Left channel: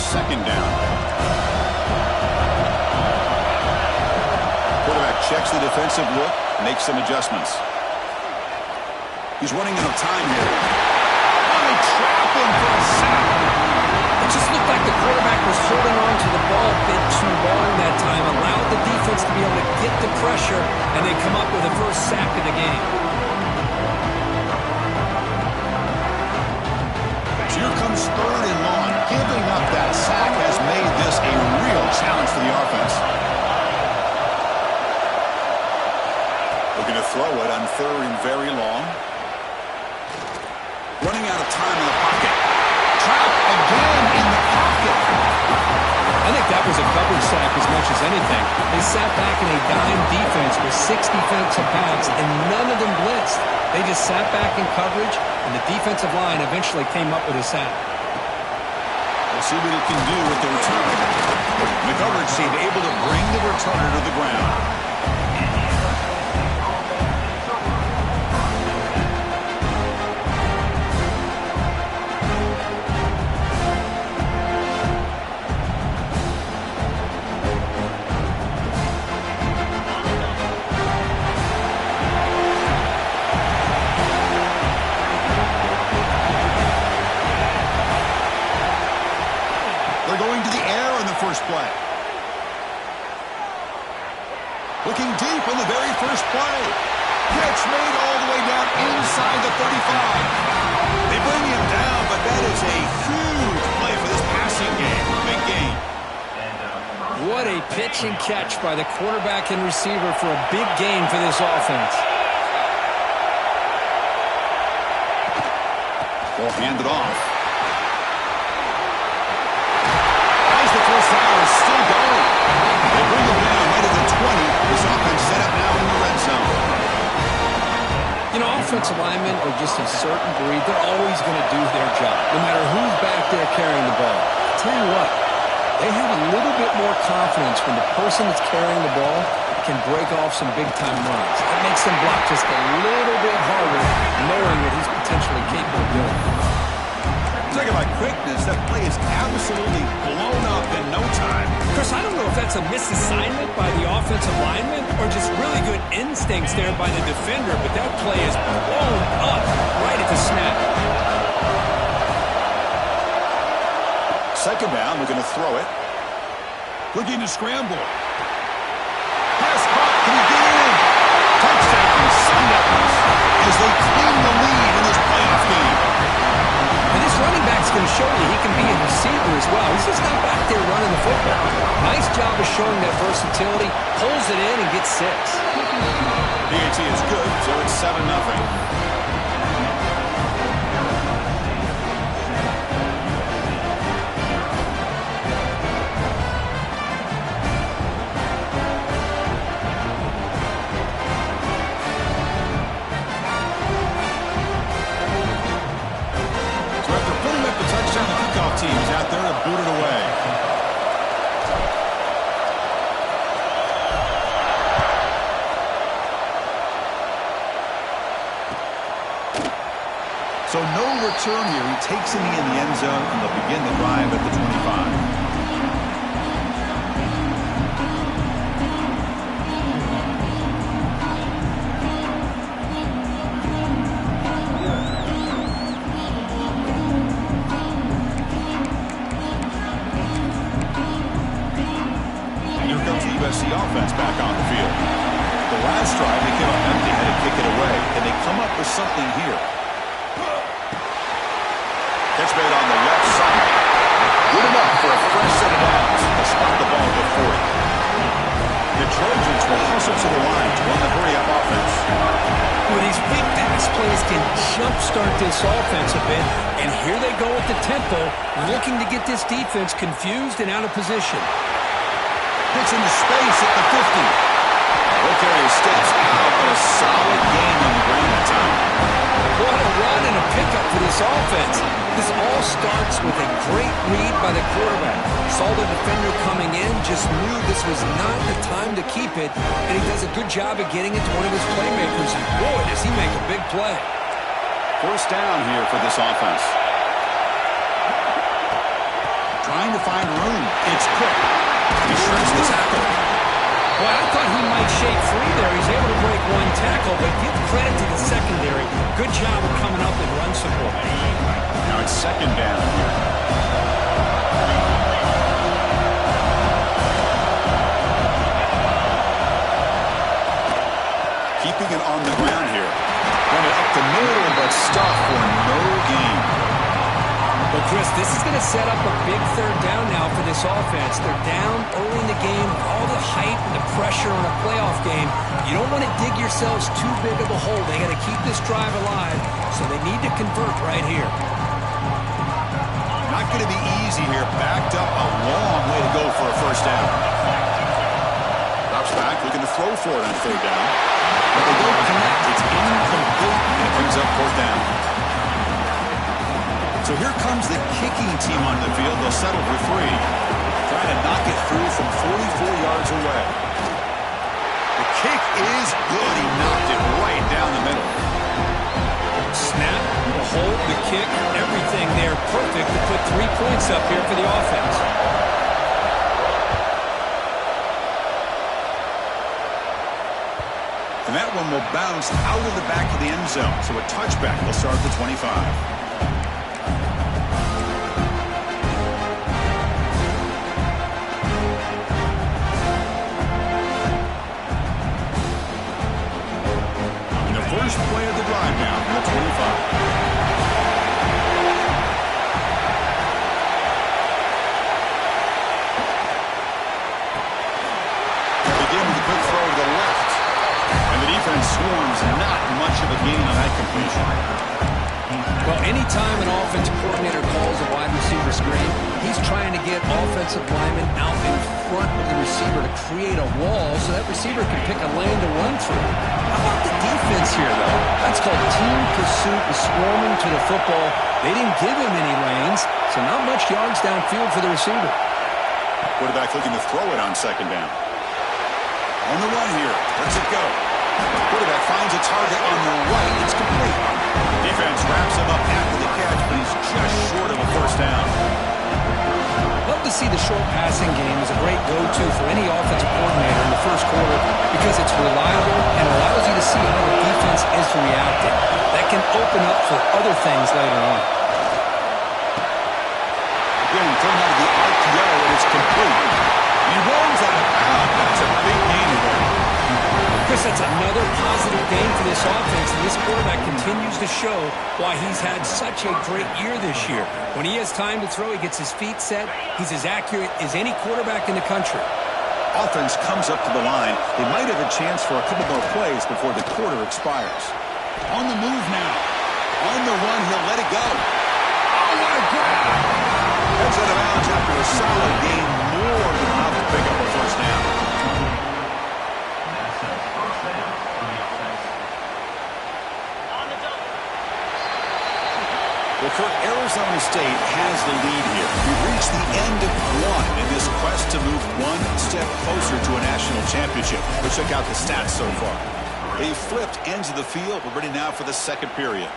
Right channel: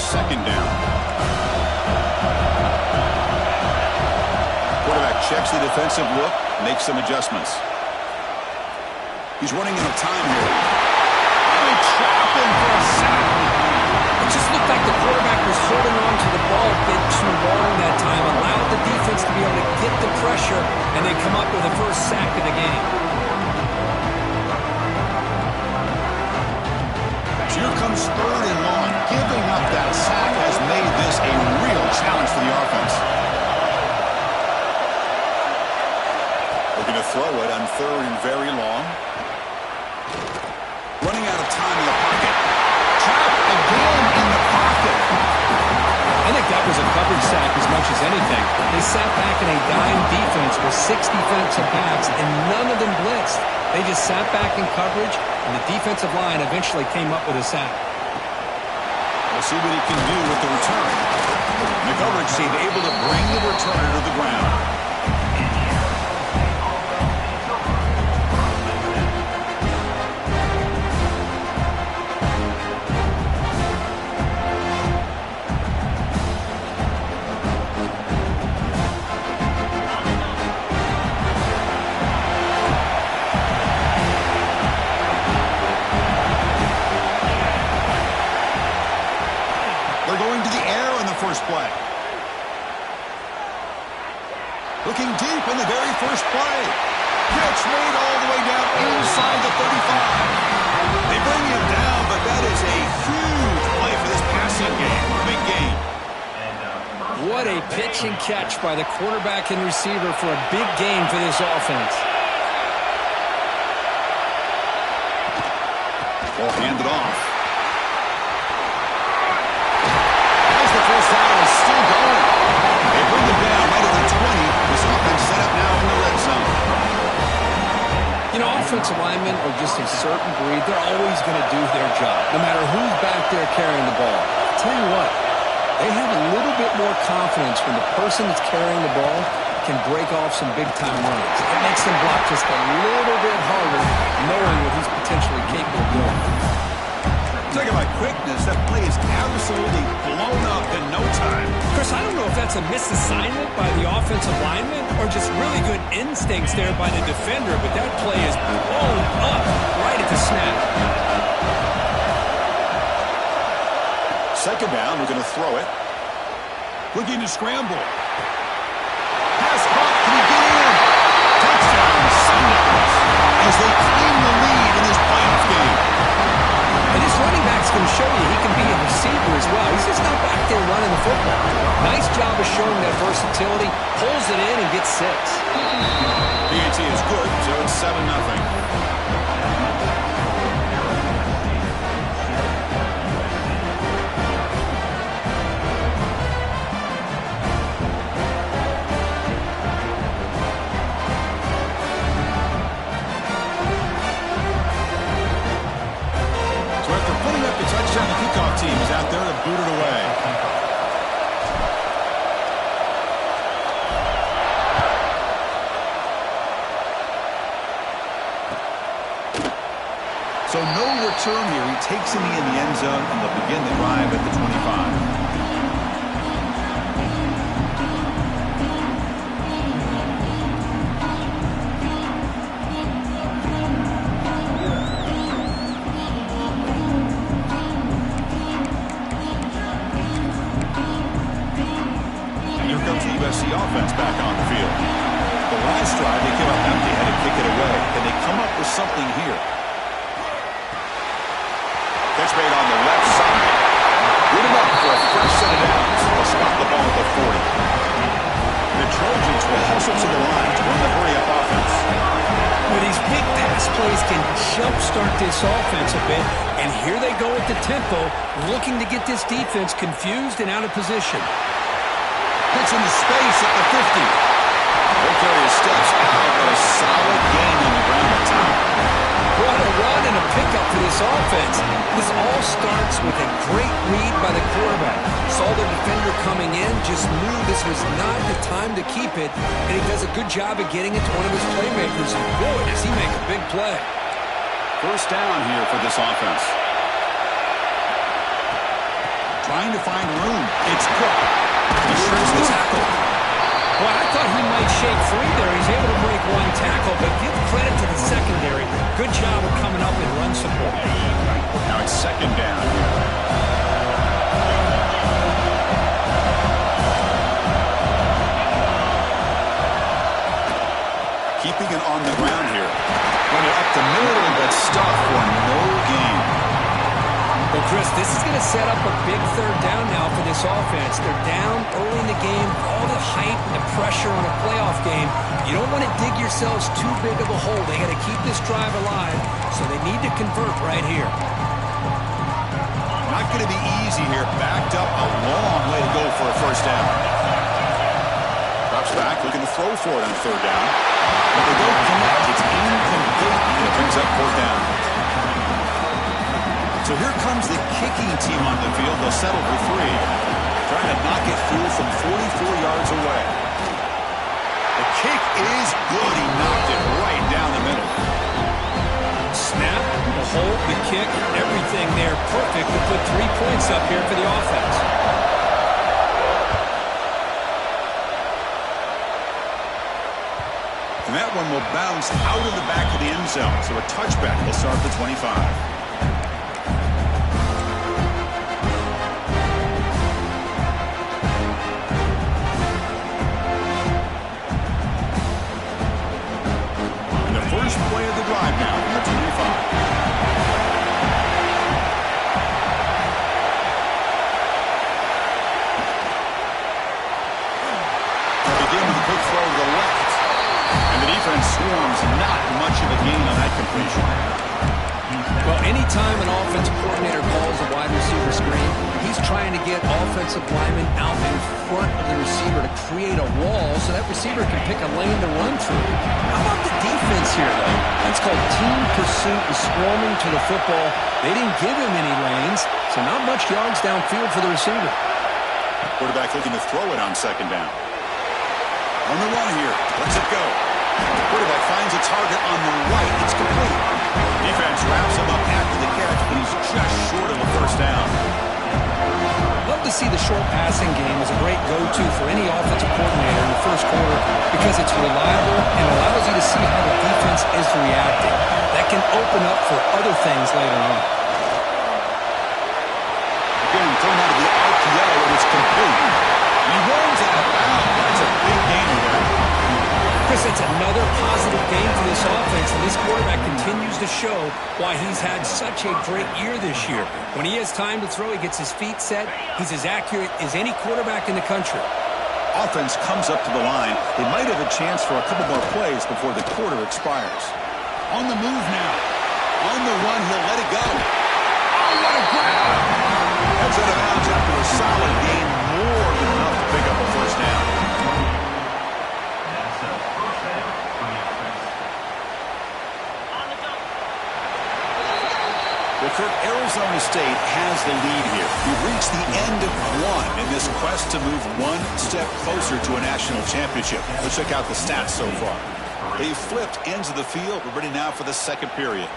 second down. Quarterback checks the defensive look, makes some adjustments. He's running out of time here. Oh, they trap him for a sack. It just looked like the quarterback was holding on to the ball a bit too long that time, allowed the defense to be able to get the pressure, and they come up with the first sack of the game. Here comes third and long. Giving up that sack has made this a real challenge for the offense. Looking to throw it on third and very long. Running out of time in the pocket. Trapped again in the pocket. I think that was a coverage sack as much as anything. They sat back in a dime defense with 6 defensive backs, and none of them blitzed. They just sat back in coverage, and the defensive line eventually came up with a sack. We'll see what he can do with the return. The coverage team able to bring the returner to the ground. Going to the air on the first play. Looking deep on the very first play. Catch made all the way down inside the 35. They bring him down, but that is a huge play for this passing game. Big gain. What a pitch and catch by the quarterback and receiver for a big gain for this offense. Ball handed off. The first down is still going. They bring them down right at the 20. This offense set up now in the red zone. You know, offensive linemen are just a certain breed. They're always going to do their job, no matter who's back there carrying the ball. I'll tell you what, they have a little bit more confidence when the person that's carrying the ball can break off some big-time runs. It makes them block just a little bit harder, knowing what he's potentially capable of doing. Talk about quickness. That play is absolutely blown up in no time. Chris, I don't know if that's a misassignment by the offensive lineman or just really good instincts there by the defender, but that play is blown up right at the snap. Second down, we're going to throw it. Looking to scramble. Pass caught. Can he get in? Touchdown, Sun Devils, as they claim the lead in this playoff game. And this running back's going to show you he can be a receiver as well. He's just not back there running the football. Nice job of showing that versatility. Pulls it in and gets 6. PAT is good, so it's 7-0. After putting up the touchdown, the kickoff team is out there to boot it away. So no return here. He takes it in the end zone, and they'll begin the drive at the 25. The offense back on the field. The last drive, they came up empty, had to kick it away. Can they come up with something here? Catch made on the left side. Good enough for a fresh set of downs. They'll spot the ball at the 40. The Trojans will hustle to the line to run the hurry-up offense. Well, these big pass plays can jumpstart this offense a bit, and here they go at the tempo, looking to get this defense confused and out of position. Hits into space at the 50. Will carry his steps out, but a solid gain on the ground that time. What a run and a pickup for this offense. This all starts with a great read by the quarterback. Saw the defender coming in, just knew this was not the time to keep it, and he does a good job of getting it to one of his playmakers, and boy, does he make a big play. First down here for this offense. trying to find room. It's Cook. He shrinks the tackle. Well, I thought he might shake free there. He's able to break one tackle, but give credit to the secondary. Good job of coming up in run support. Now it's second down here. Keeping it on the ground here. Run it up the middle, but stuffed for no gain. Well, Chris, this is going to set up a big third down now for this offense. They're down early in the game, all the hype and the pressure on a playoff game. You don't want to dig yourselves too big of a hole. They got to keep this drive alive, so they need to convert right here. Not going to be easy here. Backed up a long way to go for a first down. Drops back, looking to throw for it on third down. But they don't connect. It's incomplete, and it brings up fourth down. So here comes the kicking team on the field. They'll settle for 3. Trying to knock it through from 44 yards away. The kick is good. He knocked it right down the middle. Snap, the hold, the kick, everything there perfect to put 3 points up here for the offense. And that one will bounce out of the back of the end zone. So a touchback will start the 25. First play of the drive now from the 25. They begin with a quick throw to the left. And the defense swarms. Not much of a gain on that completion. Well, anytime an offensive coordinator calls a wide receiver screen, he's trying to get offensive linemen out in front of the receiver to create a wall so that receiver can pick a lane to run through. How about the defense here, though? That's called team pursuit and swarming to the football. They didn't give him any lanes, so not much yards downfield for the receiver. Quarterback looking to throw it on second down. On the run here. Lets it go. Quarterback finds a target on the right. It's complete. Defense wraps him up after the catch, but he's just short of a first down. Love to see the short passing game as a great go-to for any offensive coordinator in the first quarter because it's reliable and allows you to see how the defense is reacting. That can open up for other things later on. Again, thrown out of the RPO, and it's complete. And he rolls out of bounds. That's a big gain there. Chris, that's another positive game for this offense, and this quarterback continues to show why he's had such a great year this year. When he has time to throw, he gets his feet set. He's as accurate as any quarterback in the country. Offense comes up to the line. They might have a chance for a couple more plays before the quarter expires. On the move now. On the run, he'll let it go. Oh, what a grab! Heads out of bounds after a solid gain, more than enough to pick up a first down. Well, Kirk, Arizona State has the lead here. We've reached the end of one in this quest to move one step closer to a national championship. Let's check out the stats so far. They flipped ends of the field. We're ready now for the second period.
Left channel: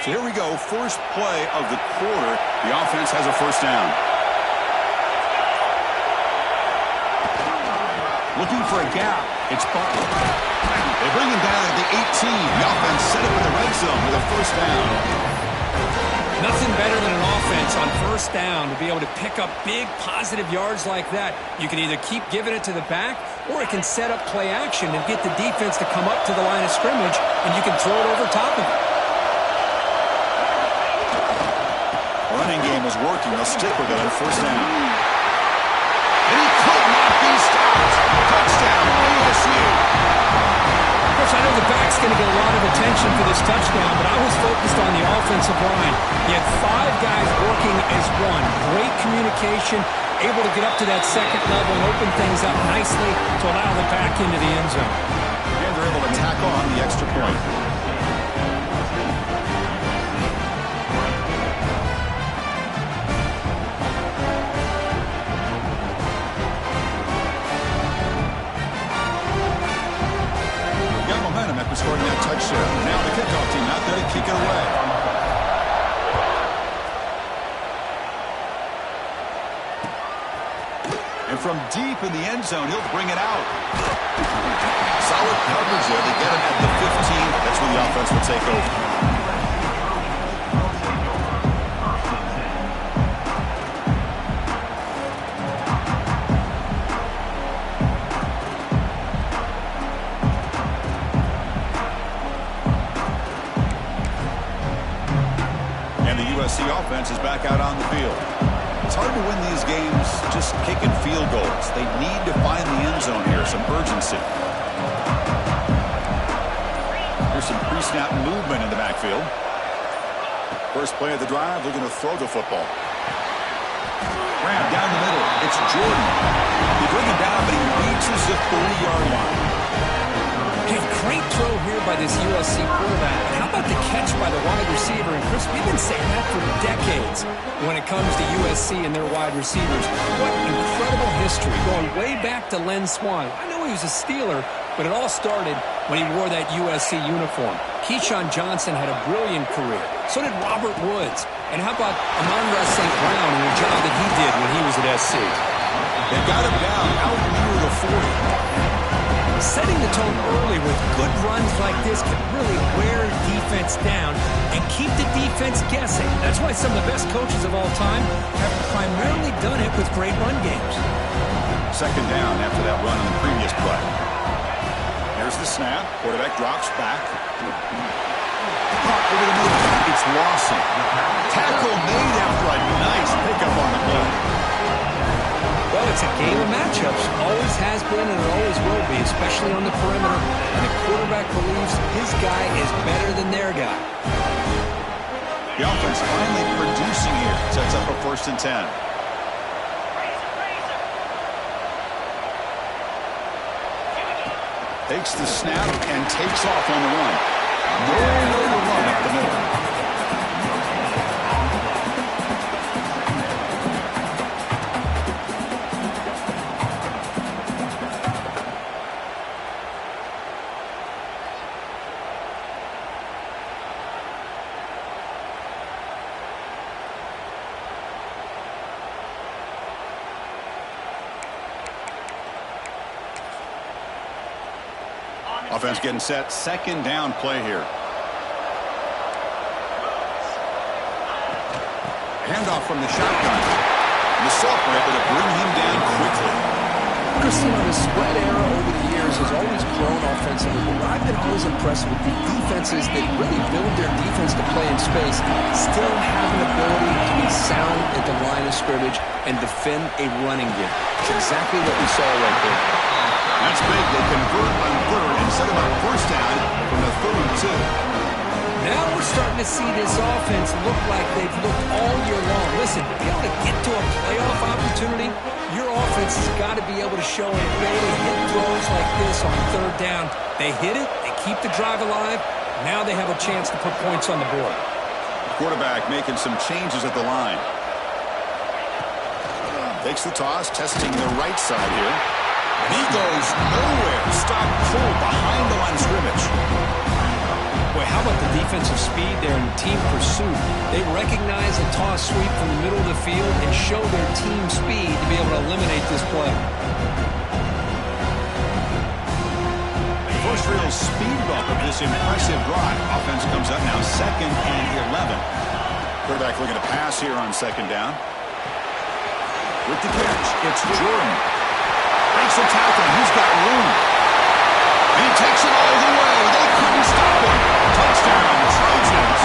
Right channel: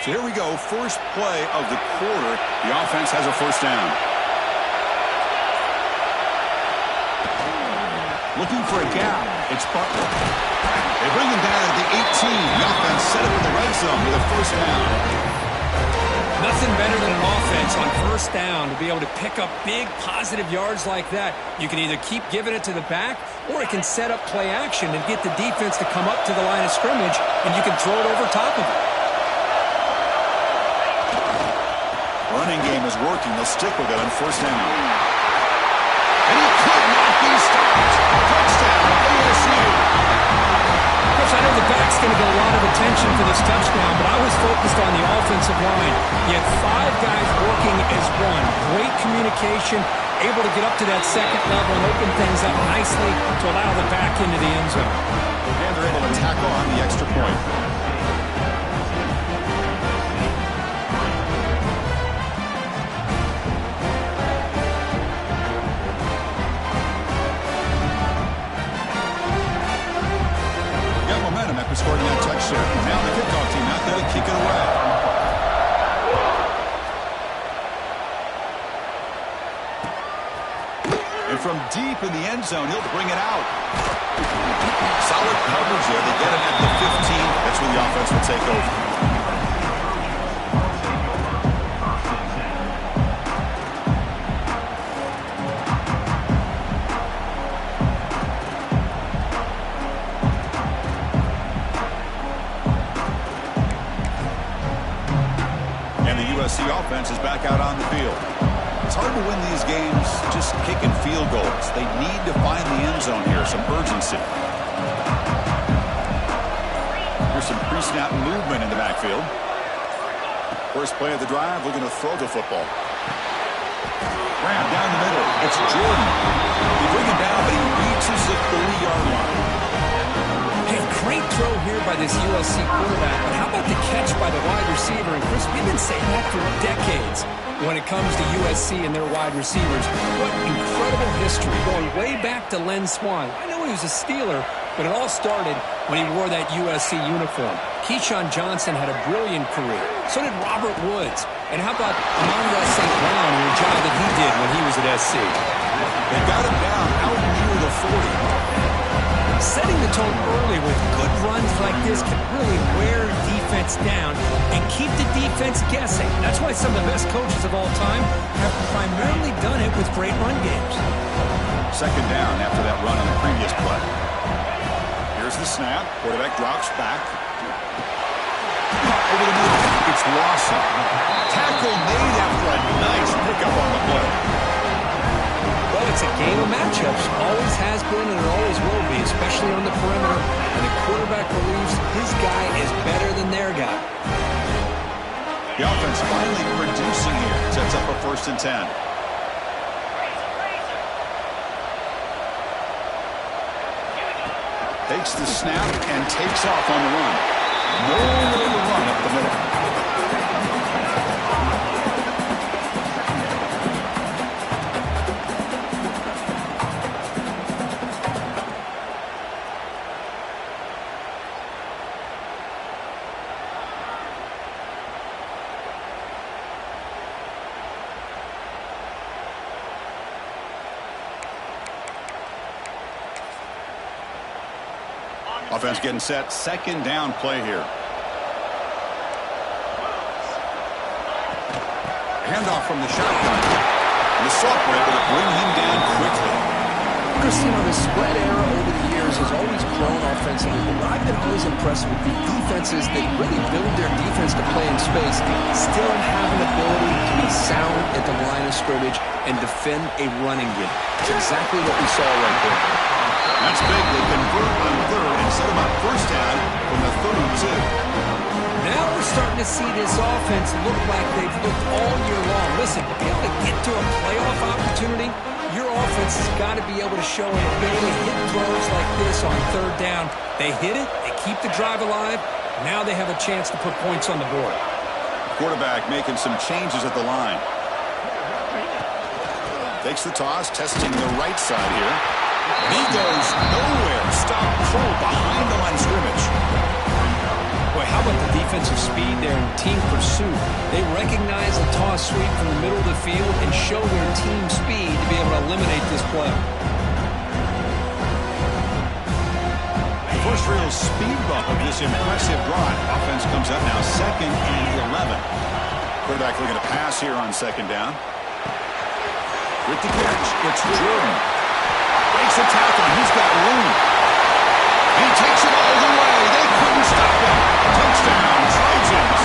So here we go. First play of the quarter. The offense has a first down. Looking for a gap. It's Butler. They bring him down at the 18. The offense set up in the red zone with a first down. Nothing better than an offense on first down to be able to pick up big positive yards like that. You can either keep giving it to the back, or it can set up play action and get the defense to come up to the line of scrimmage, and you can throw it over top of it. Running game is working. They'll stick with it on first down. And he could not be stopped. Touchdown, ASU. Chris, I know the back's going to get a lot of attention for this touchdown, but I was focused on the offensive line. You had 5 guys working as one. Great communication, able to get up to that second level and open things up nicely to allow the back into the end zone. And they're able to tack on the extra point. in scoring that touchdown. Now the kickoff team out there to kick it away. And from deep in the end zone, he'll bring it out. Solid coverage there. They get him at the 15. That's where the offense will take over. The offense is back out on the field. It's hard to win these games just kicking field goals. They need to find the end zone here, some urgency. Here's some pre-snap movement in the backfield. First play of the drive, looking to throw the football. Grab down the middle. It's Jordan. They bring him down, but he reaches the 30-yard line. Hey, great throw here by this USC quarterback, but how about the catch by the wide receiver? And Chris, we've been saying that for decades when it comes to USC and their wide receivers. What incredible history, going way back to Len Swan. I know he was a Steeler, but it all started when he wore that USC uniform. Keyshawn Johnson had a brilliant career. So did Robert Woods. And how about Amon-Ra St. Brown and the job that he did when he was at SC? They got him down out near the 40. Setting the tone early with good runs like this can really wear defense down and keep the defense guessing. That's why some of the best coaches of all time have primarily done it with great run games. Second down after that run on the previous play. Here's the snap. Quarterback drops back. Caught over the middle. It's Lawson. Tackle made after a nice pickup on the play. Well, it's a game of matchups. Always has been and it always will be, especially on the perimeter. And the quarterback believes his guy is better than their guy. The offense finally producing here. Sets up a 1st and 10. Takes the snap and takes off on the run. No way to run up the middle. Offense getting set. Second down play here. Handoff from the shotgun. And the Soft were able to bring him down quickly. Christine, the spread era over the years has always grown offensively, but I've been always impressed with the defenses that really build their defense to play in space, still have an ability to be sound at the line of scrimmage and defend a running game. It's exactly what we saw right there. That's big. They convert on third and set him up first down from the 32. Now we're starting to see this offense look like they've looked all year long. Listen, to be able to get to a playoff opportunity, your offense has got to be able to show an ability to hit throws like this on third down. They hit it, they keep the drive alive. Now they have a chance to put points on the board. Quarterback making some changes at the line. Takes the toss, testing the right side here. And he goes nowhere. Stop cold behind the line of scrimmage. Boy, how about the defensive speed there in team pursuit? They recognize a toss sweep from the middle of the field and show their team speed to be able to eliminate this play. First real speed bump of this impressive drive. Offense comes up now 2nd and 11. Quarterback looking to pass here on 2nd down. With the catch, it's Jordan. Breaks the tackle, and he's got room. And he takes it all the way. They couldn't stop him. Touchdown, Trojans.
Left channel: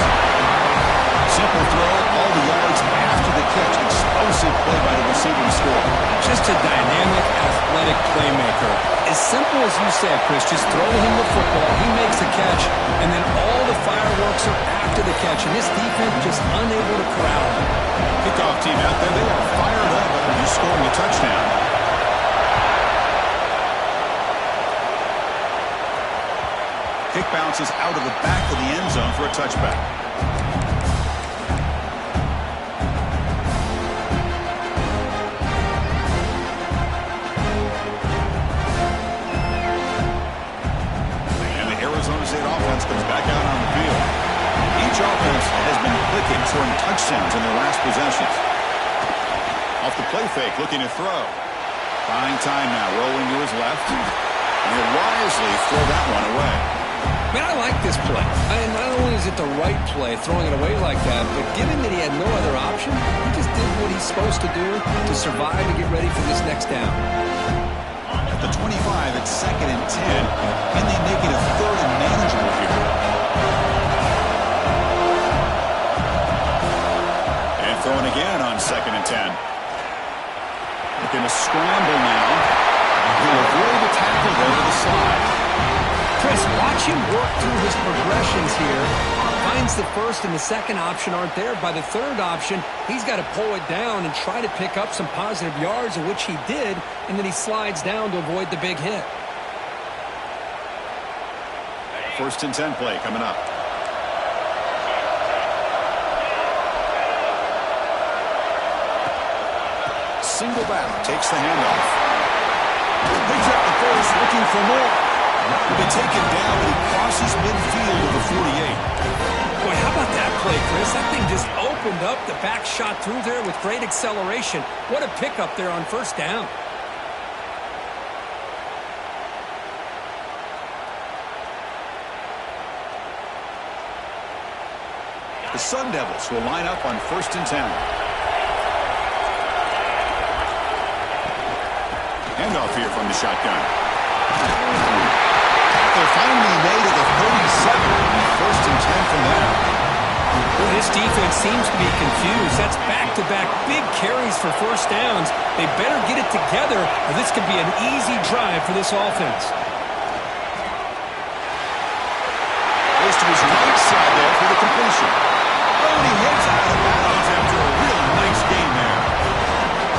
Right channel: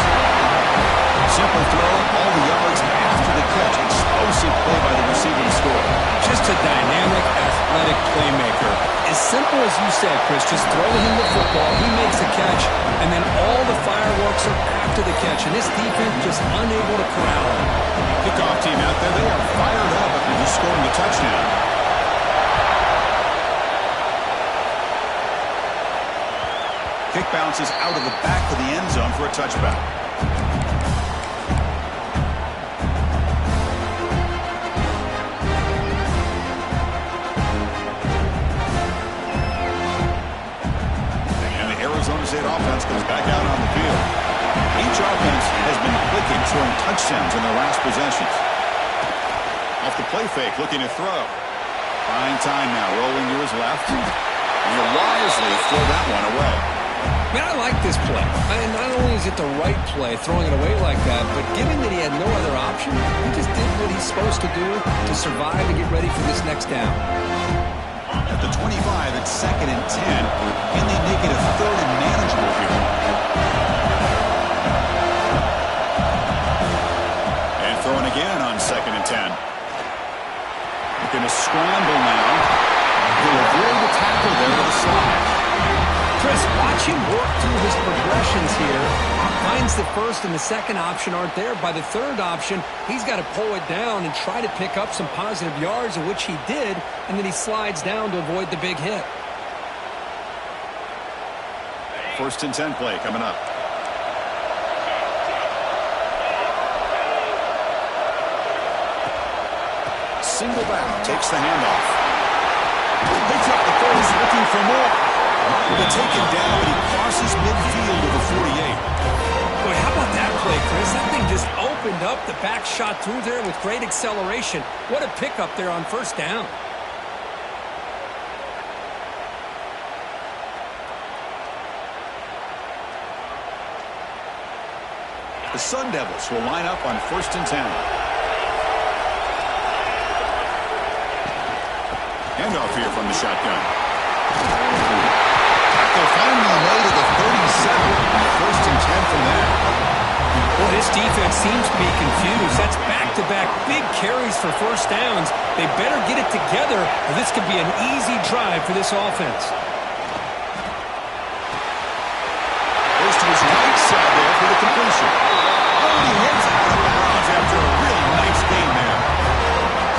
Simple throw, all the yards after the catch. Explosive play by the receiver to score. Just a dynamic, athletic playmaker. As simple as you said, Chris, just throw him the football, he makes the catch, and then all the fireworks are after the catch. And this defense just unable to corral him. Kickoff team out there, they are fired up after just scoring a touchdown. Kick bounces out of the back of the end zone for a touchback. Arizona State offense comes back out on the field. Each offense has been clicking, scoring touchdowns in their last possessions. Off the play fake, looking to throw. Buying time now, rolling to his left. And he'll wisely throw that one away. Man, I like this play. And not only is it the right play, throwing it away like that, but given that he had no other option, he just did what he's supposed to do to survive and get ready for this next down. At the 25, it's 2nd and 10. Can they make it a 3rd and manageable here? And throwing again on 2nd and 10. Looking to scramble now. He'll avoid the tackle there with a slide. Chris, watch him work through his progressions here. Finds the first and the second option aren't there. By the third option, he's got to pull it down and try to pick up some positive yards, of which he did, and then he slides down to avoid the big hit. 1st and 10 play coming up. Single back, takes the handoff. Picks up the first, looking for more. Been taken down, but he crosses midfield of the 48. Boy, how about that play, Chris? That thing just opened up. The back shot through there with great acceleration. What a pickup there on 1st down. The Sun Devils will line up on 1st and 10. Handoff here from the shotgun. Tackle finally made at the 37. 1st and 10 from there. Well, this defense seems to be confused. That's back-to-back big carries for 1st downs. They better get it together, or this could be an easy drive for this offense. Goes to his right side there for the completion. Oh, and he heads out of bounds after a really nice game there.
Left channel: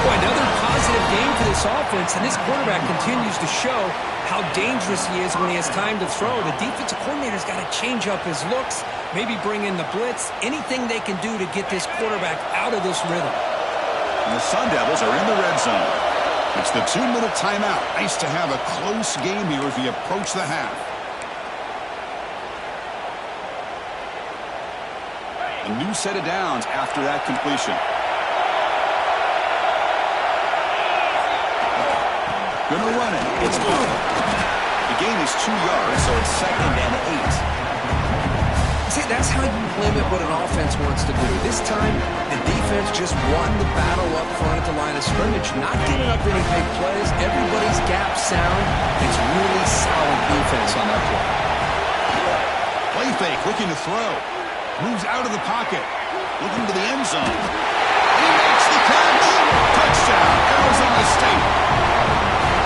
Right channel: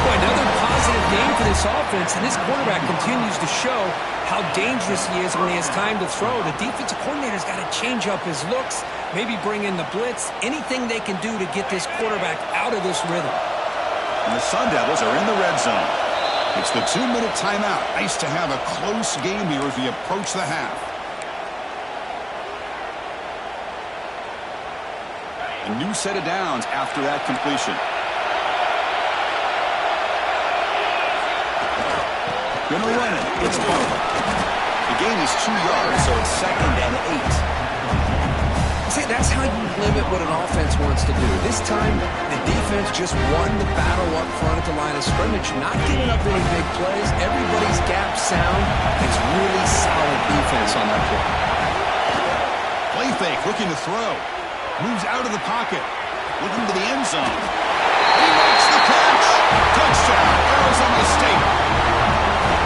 Boy, another positive game for this offense, and this quarterback continues to show how dangerous he is when he has time to throw. The defensive coordinator's got to change up his looks, maybe bring in the blitz, anything they can do to get this quarterback out of this rhythm. And the Sun Devils are in the red zone. It's the 2-minute timeout. Nice to have a close game here as we approach the half. A new set of downs after that completion. Gonna run it. It's Butler. The gain is 2 yards, so it's 2nd and 8. See, that's how you limit what an offense wants to do. This time, the defense just won the battle up front at the line of scrimmage, not giving up any big plays. Everybody's gap sound. It's really solid defense on that play. Play fake, looking to throw. Moves out of the pocket. Looking to the end zone. He makes the catch. Touchdown, Arizona State.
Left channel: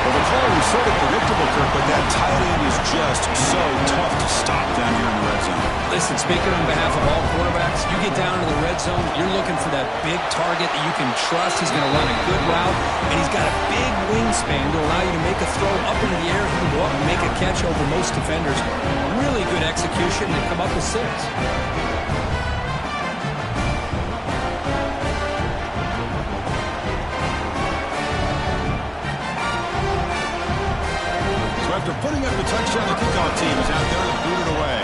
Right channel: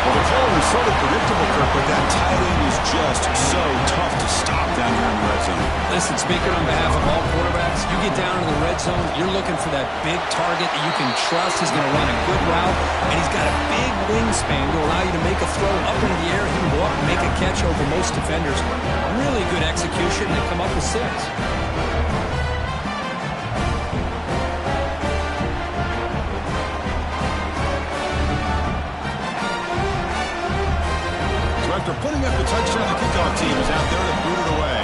Well, the call was sort of predictable, Kirk, but that tight end is just so tough to stop down here in the red zone. Listen, speaking on behalf of all quarterbacks, you get down into the red zone, you're looking for that big target that you can trust. He's going to run a good route, and he's got a big wingspan to allow you to make a throw up into the air. He can go up and make a catch over most defenders. Really good execution. They come up with 6. After putting up the touchdown, the kickoff team is out there to boot it away.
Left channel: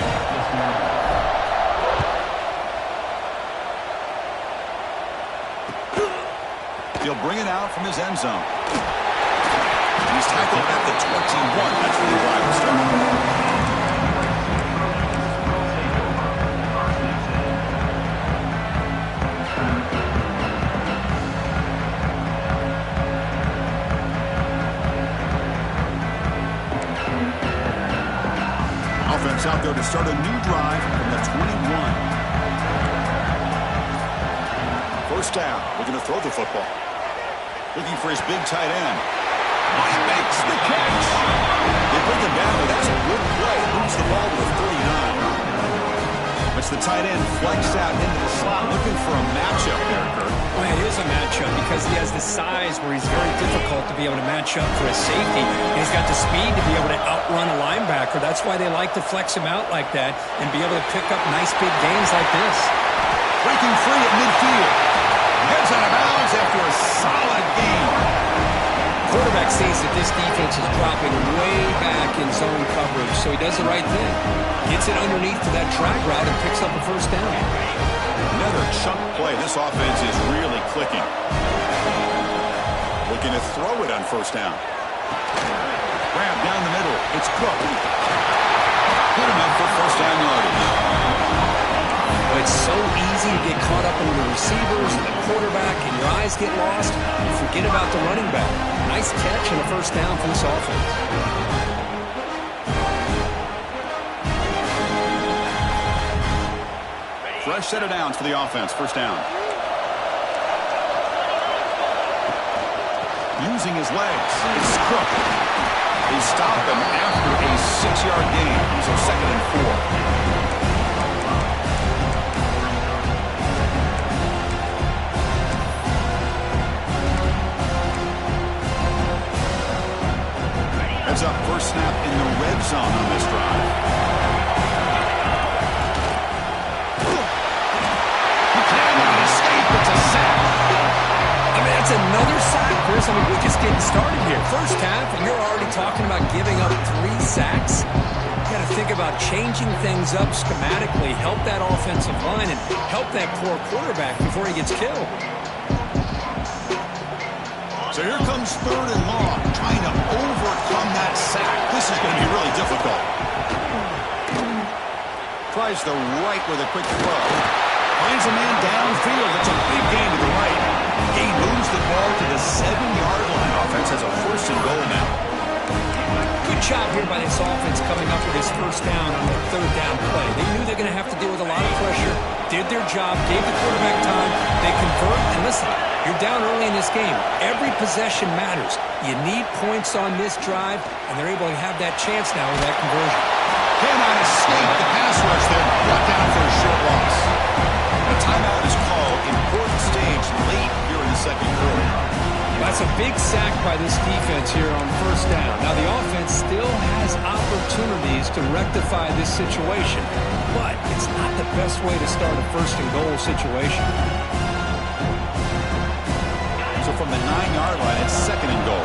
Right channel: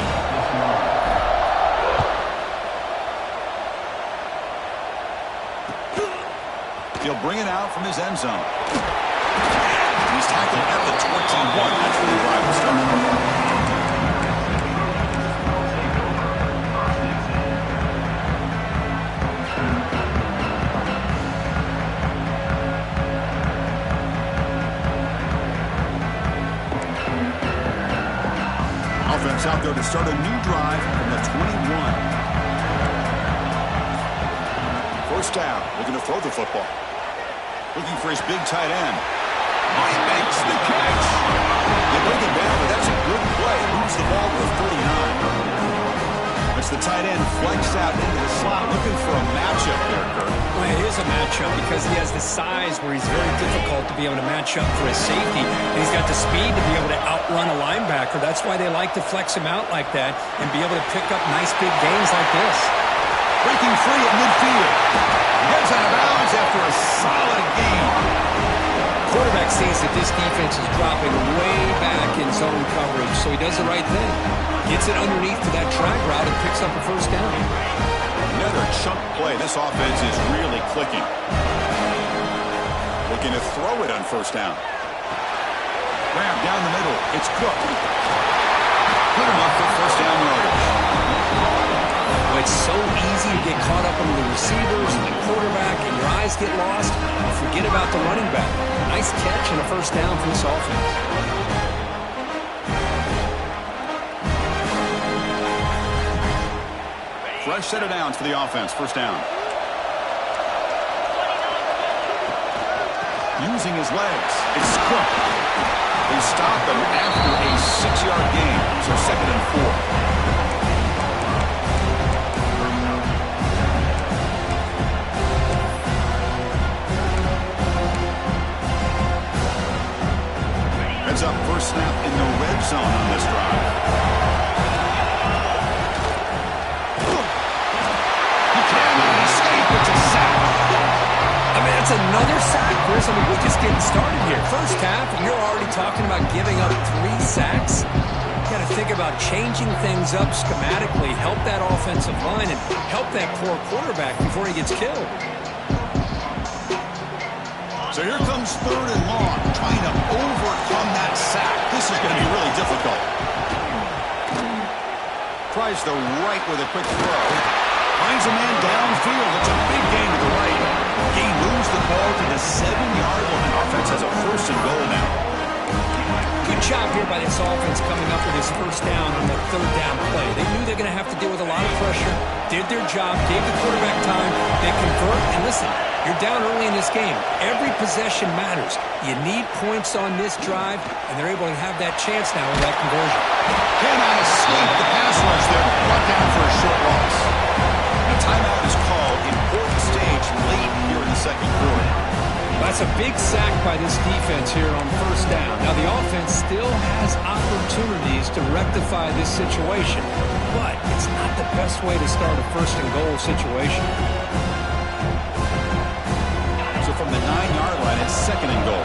He'll bring it out from his end zone. He's tackled at the 21. That's where the drive will start. Offense out there to start a new drive from the 21. 1st down, looking to throw the football. Looking for his big tight end. Oh, he makes the catch. They bring him down, but that's a good play. Moves the ball to the 39. That's the tight end flexed out into the slot, looking for a matchup there, Kirk. Well, it is a matchup because he has the size where he's very difficult to be able to match up for his safety. And he's got the speed to be able to outrun a linebacker. That's why they like to flex him out like that and be able to pick up nice big gains like this. Breaking free at midfield. Heads out of bounds after a solid gain. Quarterback sees that this defense is dropping way back in zone coverage, so he does the right thing. Gets it underneath to that drag route and picks up a first down. Another chunk play. This offense is really clicking. Looking to throw it on first down. Grab down the middle. It's Cook. Good enough for first down yardage. Well, it's so easy to get caught up under the receivers and the quarterback, and your eyes get lost. You forget about the running back. Nice catch and a first down for this offense. Fresh set of downs for the offense. First down. Using his legs. It's Cook. They stop him after a 6-yard gain. So 2nd and 4. Heads up, first snap in the red zone on this drive. It's a sack. I mean, that's another sack, Chris. I mean, we're just getting started here. First half, and you're already talking about giving up 3 sacks. You got to think about changing things up schematically, help that offensive line, and help that poor quarterback before he gets killed. So here comes 3rd and long, trying to overcome that sack. This is going to be really difficult. Tries the right with a quick throw. Finds a man downfield. It's a big gain to the right. He moves the ball to the 7-yard line. Offense has a 1st and goal now. Good job here by this offense coming up with this first down on that 3rd down play. They knew they're going to have to deal with a lot of pressure, did their job, gave the quarterback time. They convert, and listen, you're down early in this game. Every possession matters. You need points on this drive, and they're able to have that chance now with that conversion. Cannot escape the pass rush there. Brought down for a short loss. A timeout is called. Important stage late here in the 2nd quarter. That's a big sack by this defense here on first down. Now, the offense still has opportunities to rectify this situation, but it's not the best way to start a 1st and goal situation. So from the 9-yard line, it's 2nd and goal.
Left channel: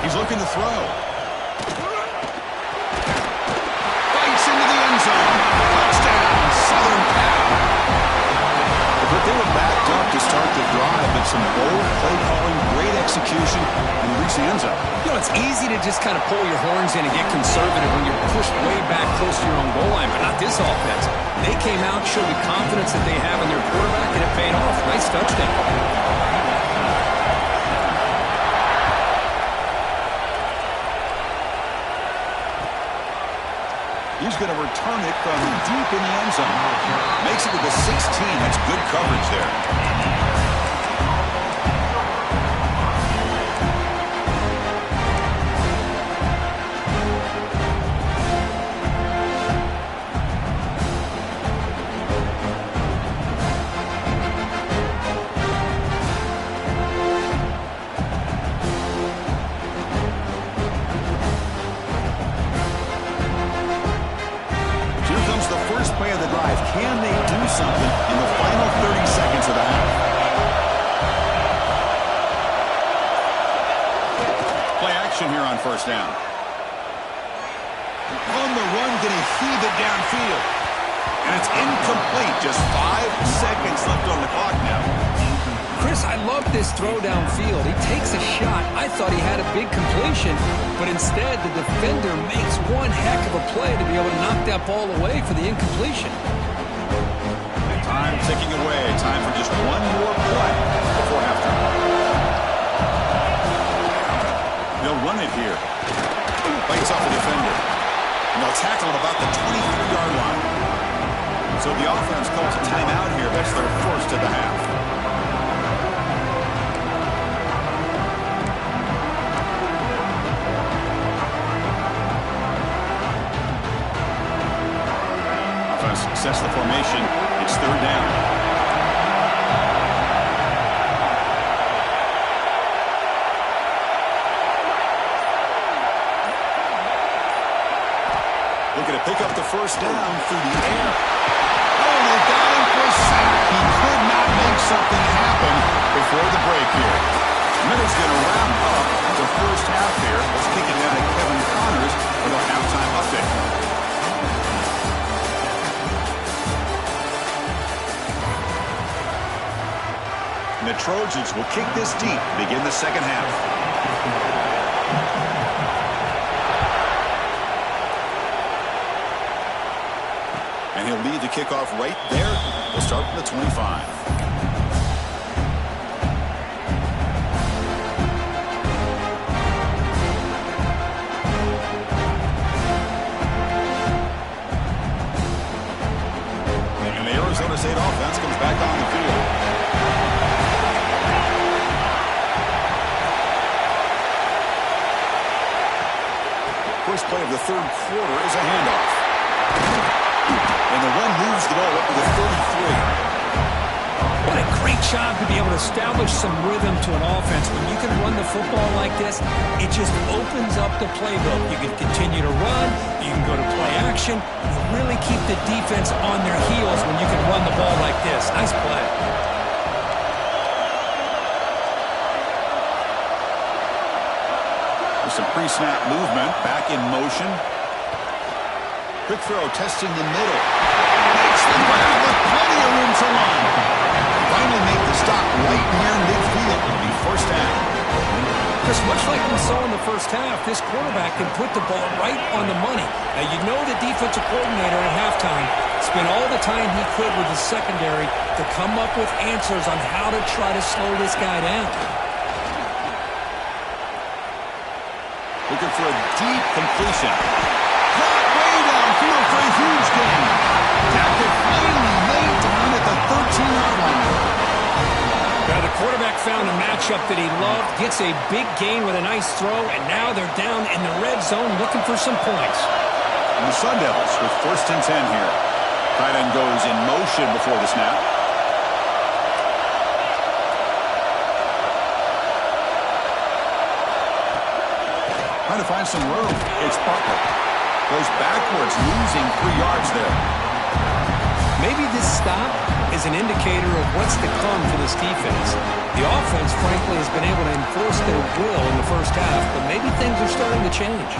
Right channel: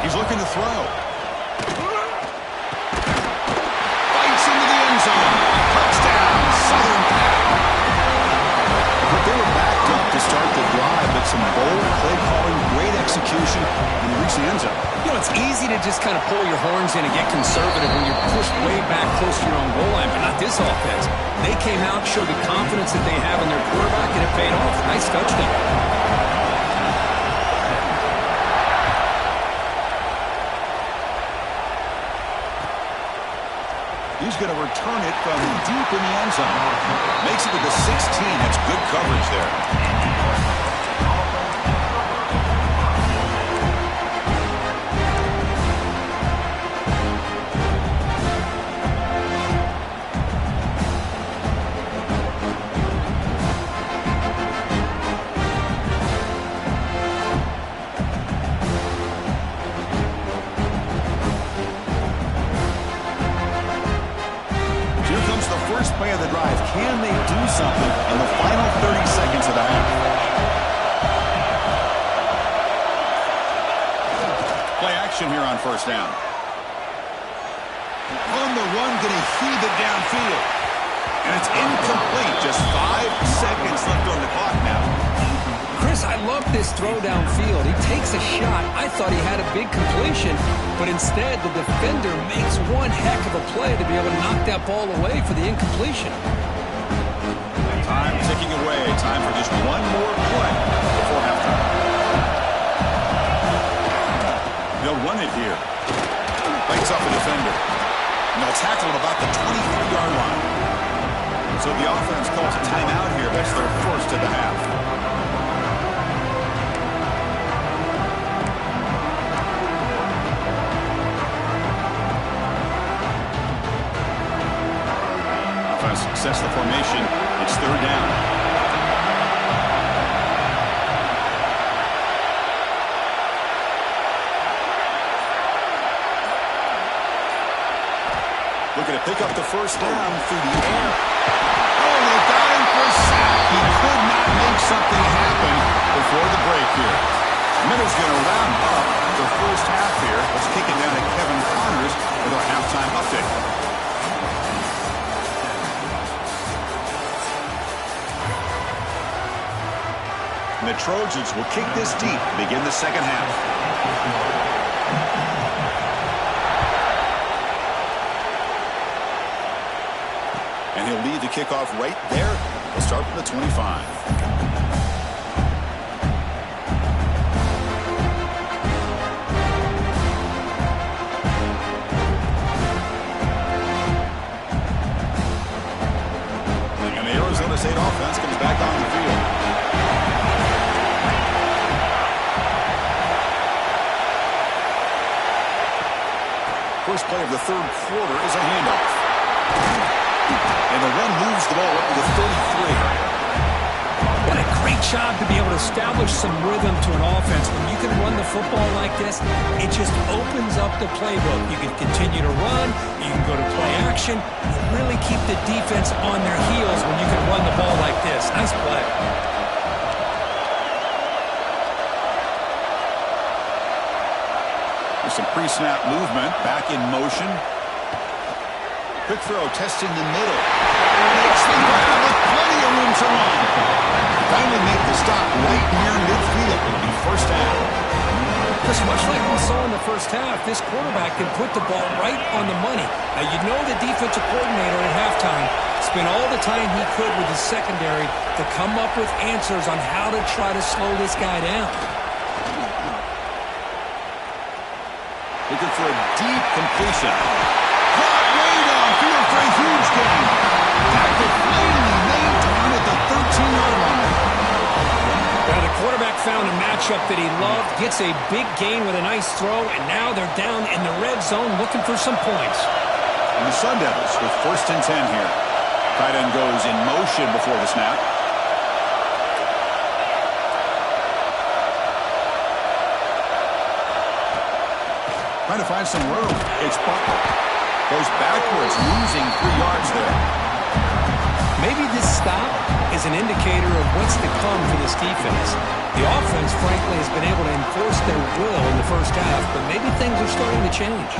He's looking to throw. Into the end zone. Touchdown, Southern Cal. But they were backed up to start the drive, but some bold play calling, great execution, and they reached the end zone. You know, it's easy to just kind of pull your horns in and get conservative when you're pushed way back close to your own goal line, but not this offense. They came out, showed the confidence that they have in their quarterback, and it paid off. Nice touchdown. He's going to return it from deep in the end zone. Makes it to the 16. That's good coverage there. First play of the drive. Can they do something in the final 30 seconds of the half? Play action here on first down. On the run, going to heave it downfield. And it's incomplete. Just 5 seconds left on the clock now. Chris, I love this throw downfield. He takes a shot. I thought he had a big completion, but instead the defender makes one heck of a play to be able to knock that ball away for the incompletion. Time ticking away. Time for just one more play before halftime. They'll run it here. Bites off a defender. And they'll tackle it about the 23-yard line. So the offense calls a timeout here. That's their first of the half. Sets the formation. It's 3rd down. Looking to pick up the first down through the air. Oh, they got him for a sack. He could not make something happen before the break here. Minutes going to wrap up the first half here. Let's kick it down to Kevin Connors with our halftime update. And the Trojans will kick this deep to begin the second half. And he'll lead the kickoff right there. We'll start from the 25. And the Arizona State offense comes back on the field. First play of the third quarter is a handoff. And the run moves the ball up to the 33. What a great job to be able to establish some rhythm to an offense. When you can run the football like this, it just opens up the playbook. You can continue to run. You can go to play action. You really keep the defense on their heels when you can run the ball like this. Nice play. Some pre-snap movement, back in motion. Quick throw, testing the middle. Makes the grab with plenty of room to run. Finally make the stop right near midfield. It'll be first down. Just much like we saw in the first half, this quarterback can put the ball right on the money. Now, you know the defensive coordinator at halftime spent all the time he could with his secondary to come up with answers on how to try to slow this guy down. Looking for a deep completion. Caught way downfield for a huge gain. Tackle finally maintained at the 13-yard line. Now the quarterback found a matchup that he loved, gets a big gain with a nice throw, and now they're down in the red zone looking for some points. And the Sun Devils with 1st and 10 here. Tight end goes in motion before the snap. Trying to find some room. It's Butler. Goes backwards, losing 3 yards there. Maybe this stop is an indicator of what's to come for this defense. The offense, frankly, has been able to enforce their will in the first half, but maybe things are starting to change.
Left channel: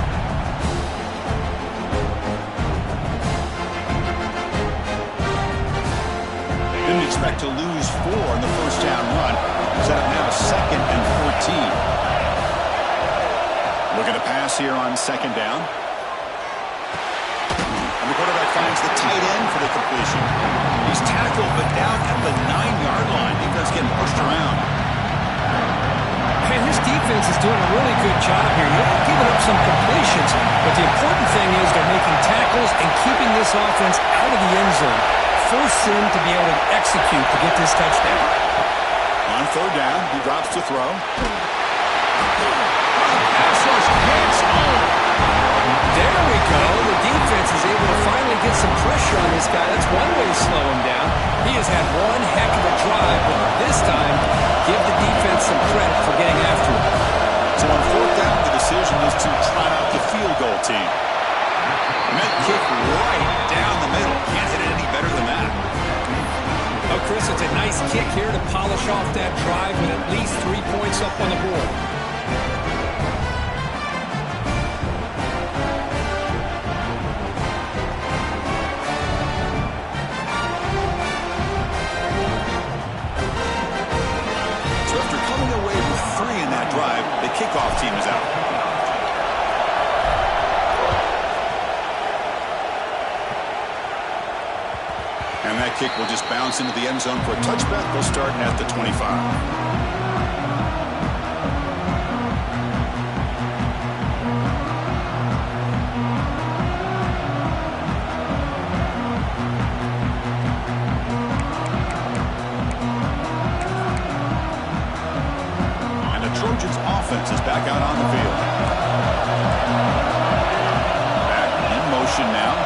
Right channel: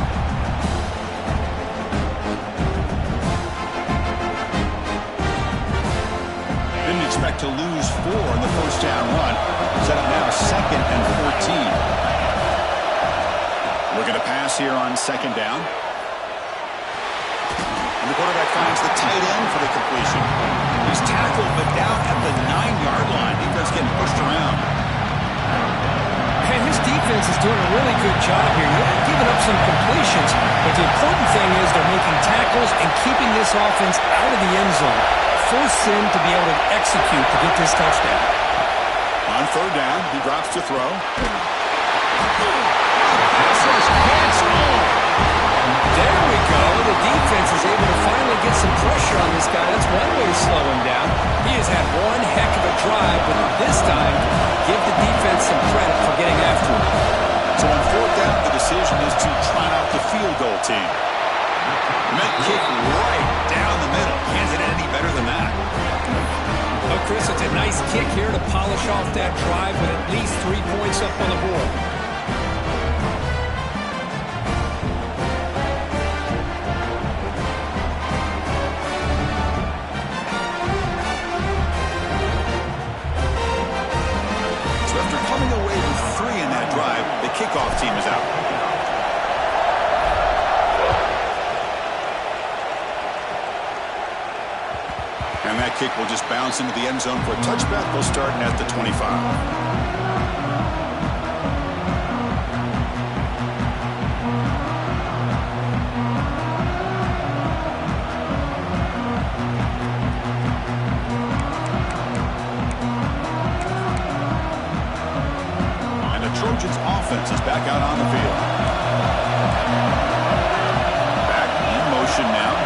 Didn't expect to lose 4 in the first down run. Set up now 2nd and 14. Looking to pass here on 2nd down. And the quarterback finds the tight end for the completion. He's tackled, but down at the 9-yard line. Defense getting pushed around. And his defense is doing a really good job here. They're giving up some completions, but the important thing is they're making tackles and keeping this offense out of the end zone. Force them to be able to execute to get this touchdown. On 3rd down, he drops to throw. Pass rush gets home. There we go. The defense is able to finally get some pressure on this guy. That's one way to slow him down. He has had one heck of a drive, but this time, give the defense some credit for getting after him. So on 4th down, the decision is to trot out the field goal team. And that kick right down the middle. Can't hit it any better than that. Oh, Chris, it's a nice kick here to polish off that drive with at least 3 points up on the board. So after coming away with 3 in that drive, the kickoff team is out. And that kick will just bounce into the end zone for a touchback. They'll start at the 25. Trojans offense is back out on the field. Back in motion now.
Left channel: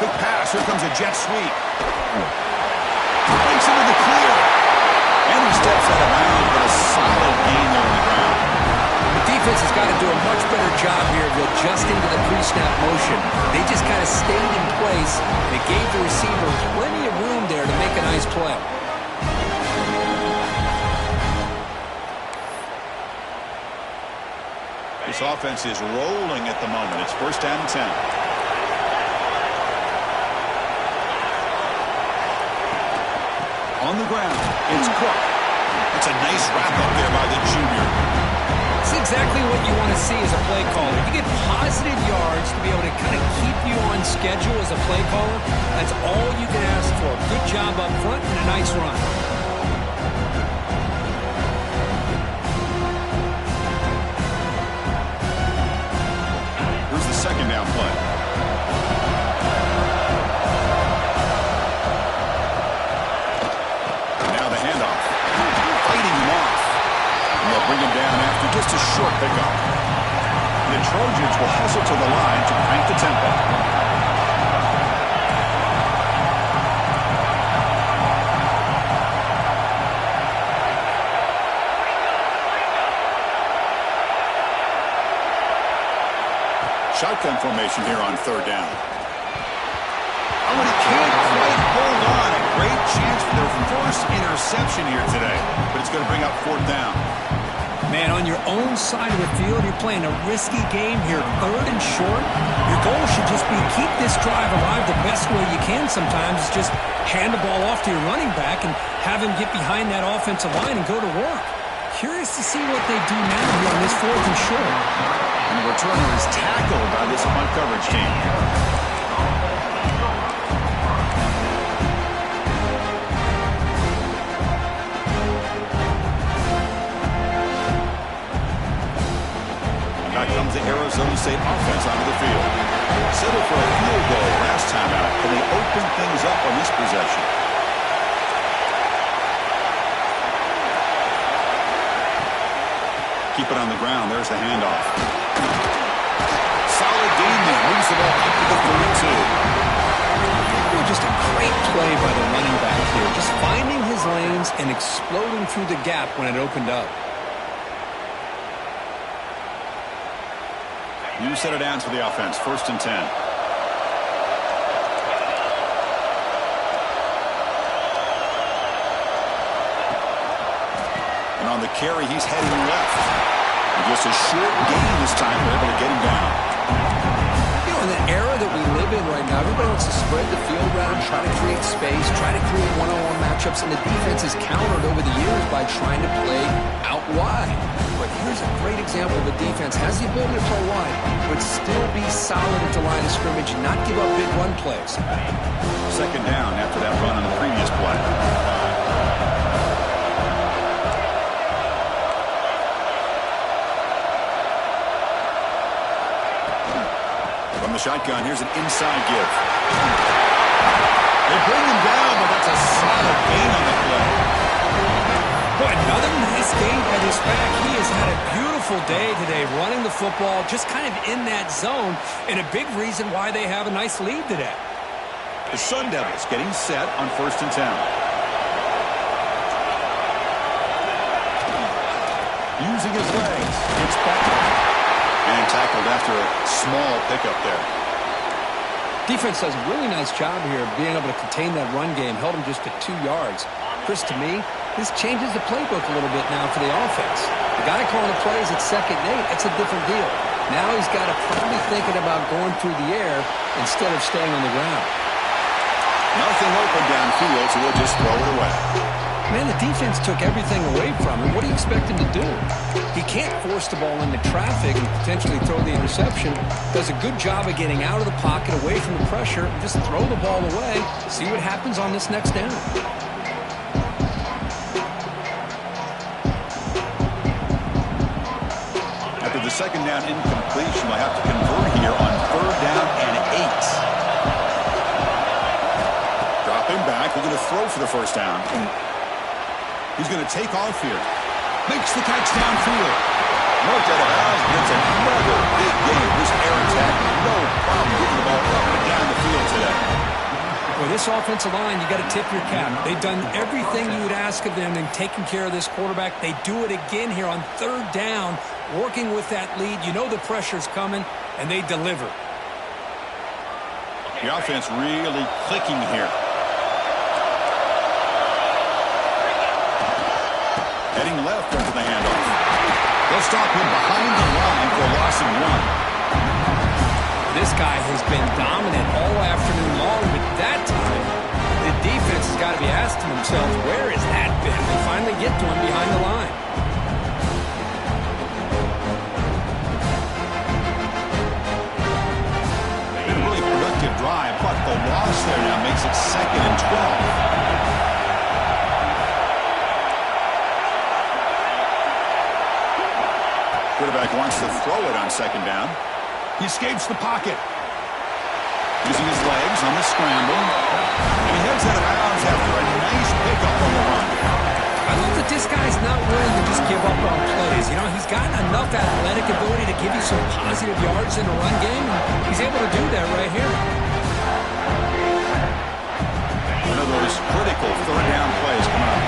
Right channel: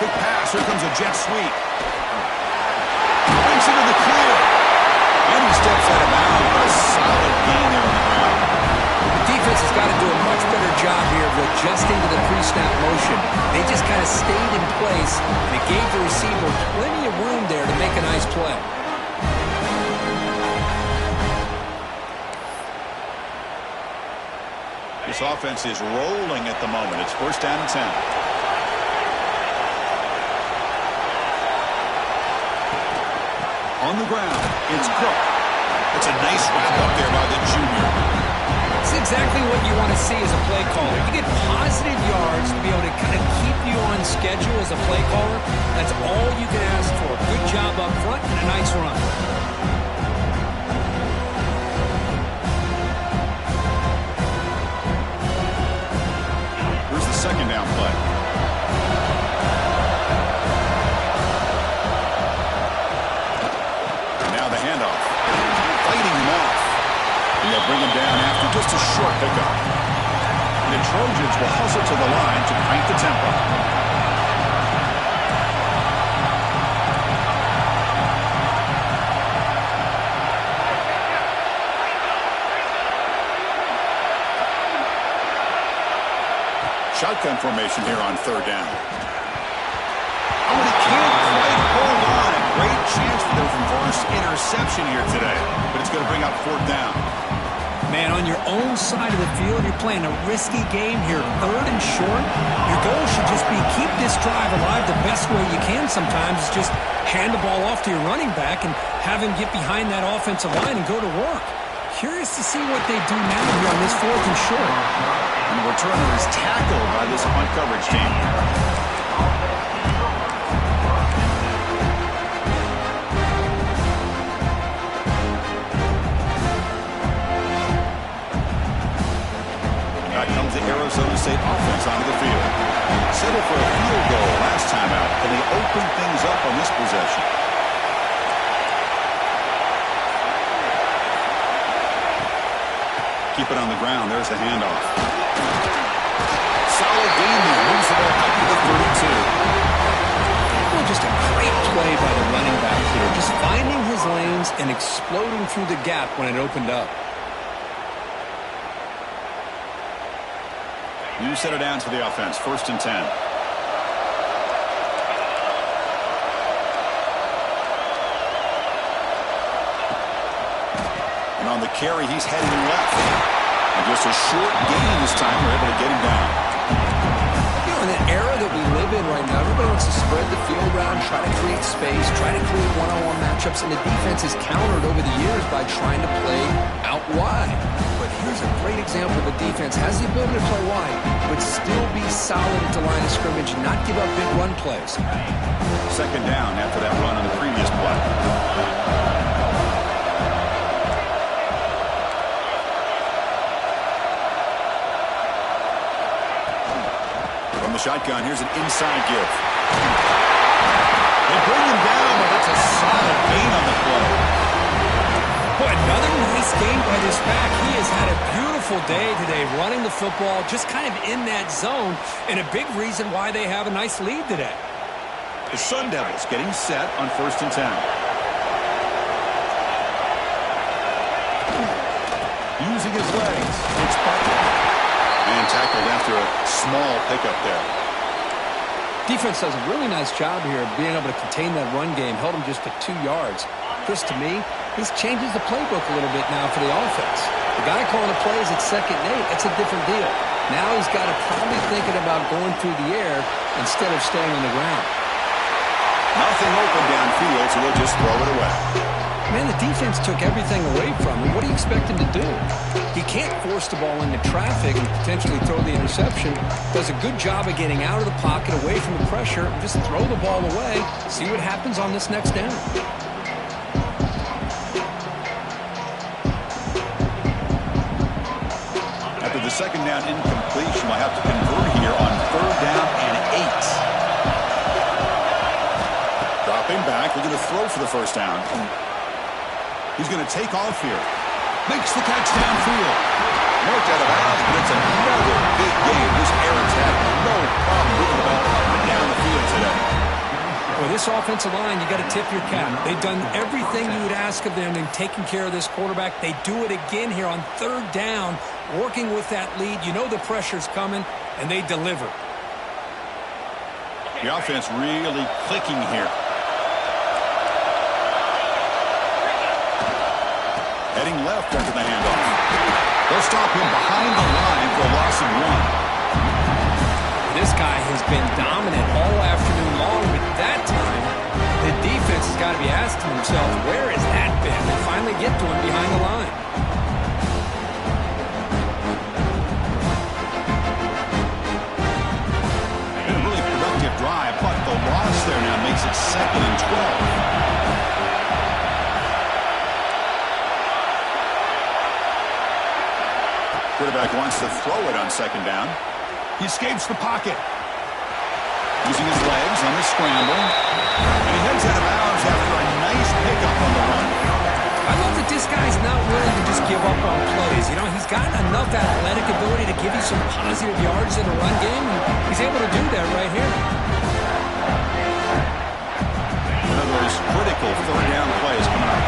Quick pass. Here comes a jet sweep. Breaks into the clear. And he steps out of bounds, but a solid gain there on the ground. The defense has got to do a much better job here of adjusting to the pre-snap motion. They just kind of stayed in place, and it gave the receiver plenty of room there to make a nice play. This offense is rolling at the moment. It's first down and 10. On the ground, it's Cook. That's a nice wrap-up there by the junior. It's exactly what you want to see as a play caller. You get positive yards to be able to kind of keep you on schedule as a play caller. That's all you can ask for. Good job up front and a nice run. Here's the second down play. Now the handoff. Fighting him off. And they'll bring him down after just a short pickup. The Trojans will hustle to the line to crank the tempo. Shotgun formation here on third down. Oh, and he can't quite hold on. A great chance for their first interception here today. But it's going to bring out fourth down. Man, on your own side of the field, you're playing a risky game here. Third and short. Your goal should just be keep this drive alive the best way you can sometimes. Is just hand the ball off to your running back and have him get behind that offensive line and go to work. Curious to see what they do now here on this fourth and short. And the returner is tackled by this punt coverage team. Now comes the Arizona State offense onto the field. Settled for a field goal last time out. Can they open things up on this possession? Keep it on the ground. There's the handoff. Solid gain there. Moves the ball out to the 32. Well, just a great play by the running back here. Just finding his lanes and exploding through the gap when it opened up. You set it down to the offense. First and 10. And on the carry, he's heading left. And just a short gain this time. We're able to get him down. You know, in the era that we live in right now, everybody wants to spread the field around, try to create space, try to create one-on-one matchups, and the defense has countered over the years by trying to play out wide. But here's a great example of a defense has the ability to play wide, but still be solid at the line of scrimmage and not give up big run plays. Second down after that run on the previous play. From the shotgun, here's an inside give. They bring him down, but that's a solid gain on the play. Boy, another nice game by this back. He has had a beautiful day today running the football, just kind of in that zone, and a big reason why they have a nice lead today. The Sun Devils getting set on first and 10. Using his legs, it's Butler. And tackled after a small pickup there. Defense does a really nice job here of being able to contain that run game. Held him just at 2 yards. Chris, to me, this changes the playbook a little bit now for the offense. The guy calling the plays at 2nd and 8, that's a different deal. Now he's got to probably thinking about going through the air instead of staying on the ground. Nothing open downfield, so we'll just throw it away. Man, the defense took everything away from him. What do you expect him to do? He can't force the ball into traffic and potentially throw the interception. Does a good job of getting out of the pocket, away from the pressure, and just throw the ball away. See what happens on this next down. After the second down incompletion, we'll have to convert here on third down and 8. Dropping back, looking to throw for the first down. He's going to take off here. Makes the catch downfield. Marked out of bounds, but it's another big game. This air attack, no problem moving the ball up and down the field today. Well, this offensive line, you got to tip your cap. They've done everything you would ask of them in taking care of this quarterback. They do it again here on third down, working with that lead. You know the pressure's coming, and they deliver. The offense really clicking here. Heading left after the handoff. They'll stop him behind the line for a loss of 1. This guy has been dominant all afternoon long, but that time, the defense has got to be asking themselves, where has that been? They finally get to him behind the line. Been a really productive drive, but the loss there now makes it 2nd and 12. Quarterback wants to throw it on 2nd down. He escapes the pocket. Using his legs on the scramble. And he heads out of bounds after a nice pickup on the run. I love that this guy's not willing to just give up on plays. You know, he's got enough athletic ability to give you some positive yards in the run game. And he's able to do that right here. One of those critical 3rd down plays coming up.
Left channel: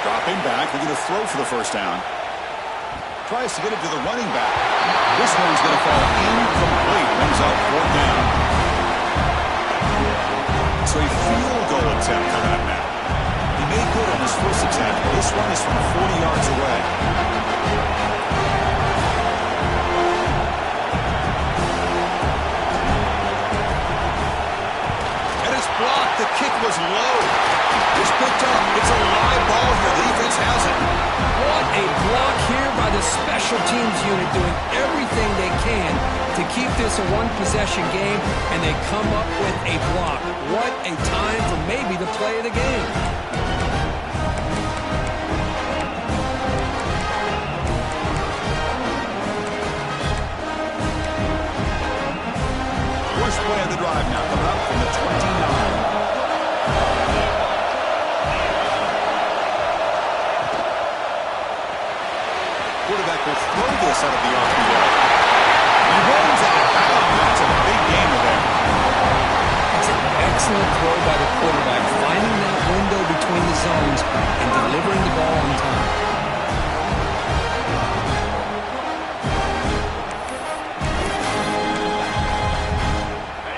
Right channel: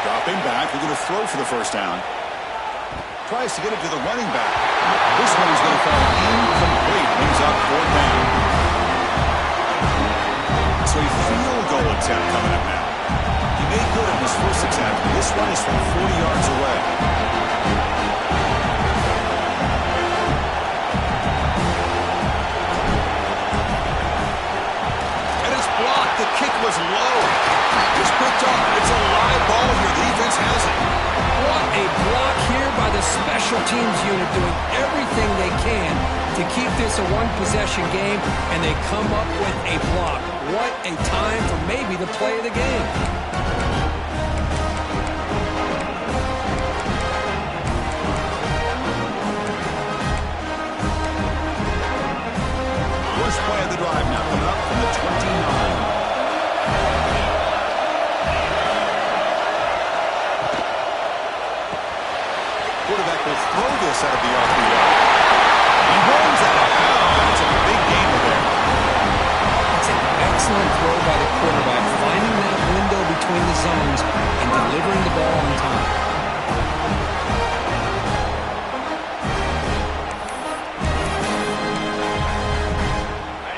Dropping back, they're going to throw for the 1st down. Tries to get it to the running back. This one's going to fall incomplete. Brings up 4th down. So a field goal attempt coming up now. He made good on his first attempt, but this one is from 40 yards away. And it's blocked. The kick was low. It's picked up. It's a live ball here. The defense has it. What a block here by the special teams unit, doing everything they can to keep this a one-possession game, and they come up with a block. What a time for maybe the play of the game. First play of the drive now, coming up from the 29. Quarterback will throw this out of the RPO. He runs out of bounds. That's a big gainer there. That's an excellent throw by the quarterback, finding that window between the zones and delivering the ball on time.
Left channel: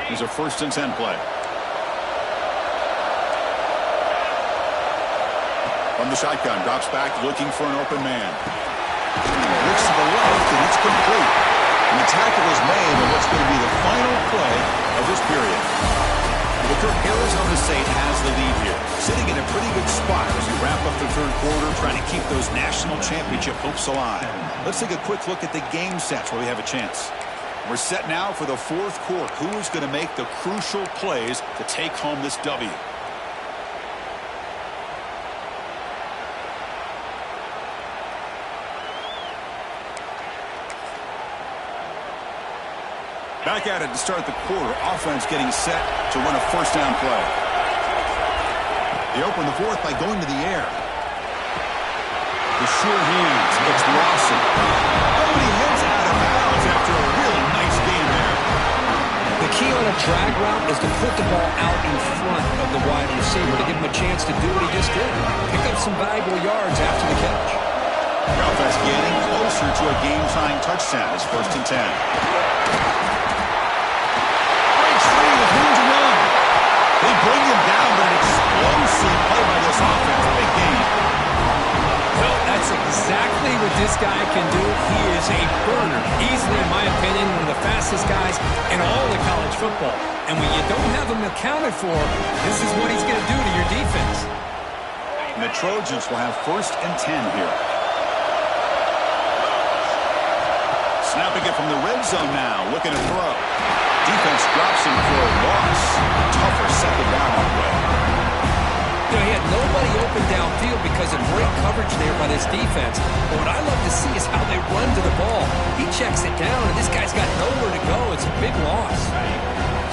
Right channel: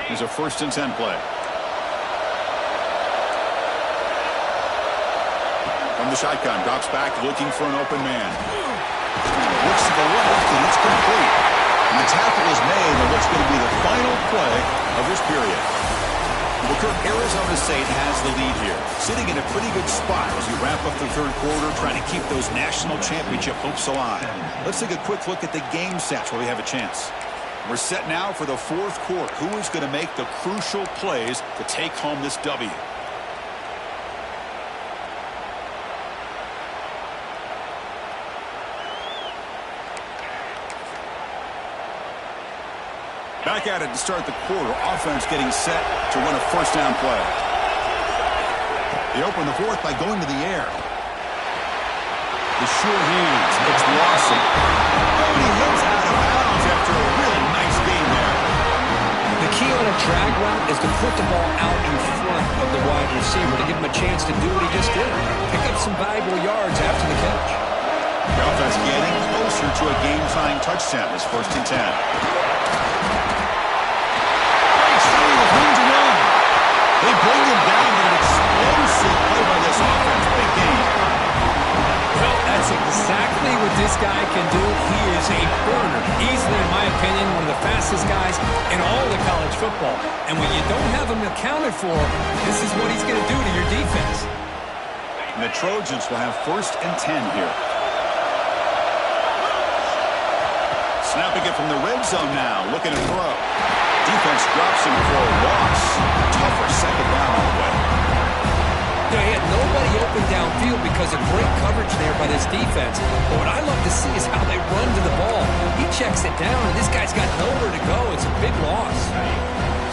Here's a 1st and 10 play. From the shotgun, drops back, looking for an open man. Looks to the left, and it's complete. And the tackle is made on what's going to be the final play of this period. Well, Kirk, Arizona State has the lead here, sitting in a pretty good spot as we wrap up the 3rd quarter, trying to keep those national championship hopes alive. Let's take a quick look at the game sets while we have a chance. We're set now for the 4th quarter. Who is going to make the crucial plays to take home this W? Back at it to start the quarter. Offense getting set to run a 1st down play. They open the 4th by going to the air. The sure hands. It's Lawson. Oh, and he heads out of bounds after a really nice game there. The key on a drag route is to put the ball out in front of the wide receiver to give him a chance to do what he just did. Pick up some valuable yards after the catch. The offense getting closer to a game-tying touchdown. It's 1st and 10. Free with room to run. They bring him down, but an explosive play by this offense. Big game. Well, that's exactly what this guy can do. He is a burner. Easily, in my opinion, one of the fastest guys in all of college football. And when you don't have him accounted for, this is what he's going to do to your defense. And the Trojans will have 1st and 10 here. Snapping it from the red zone now, looking to throw. Defense drops him for a loss. Tougher 2nd down on the way. You know, he had nobody open downfield because of great coverage there by this defense. But what I love to see is how they run to the ball. He checks it down, and this guy's got nowhere to go. It's a big loss.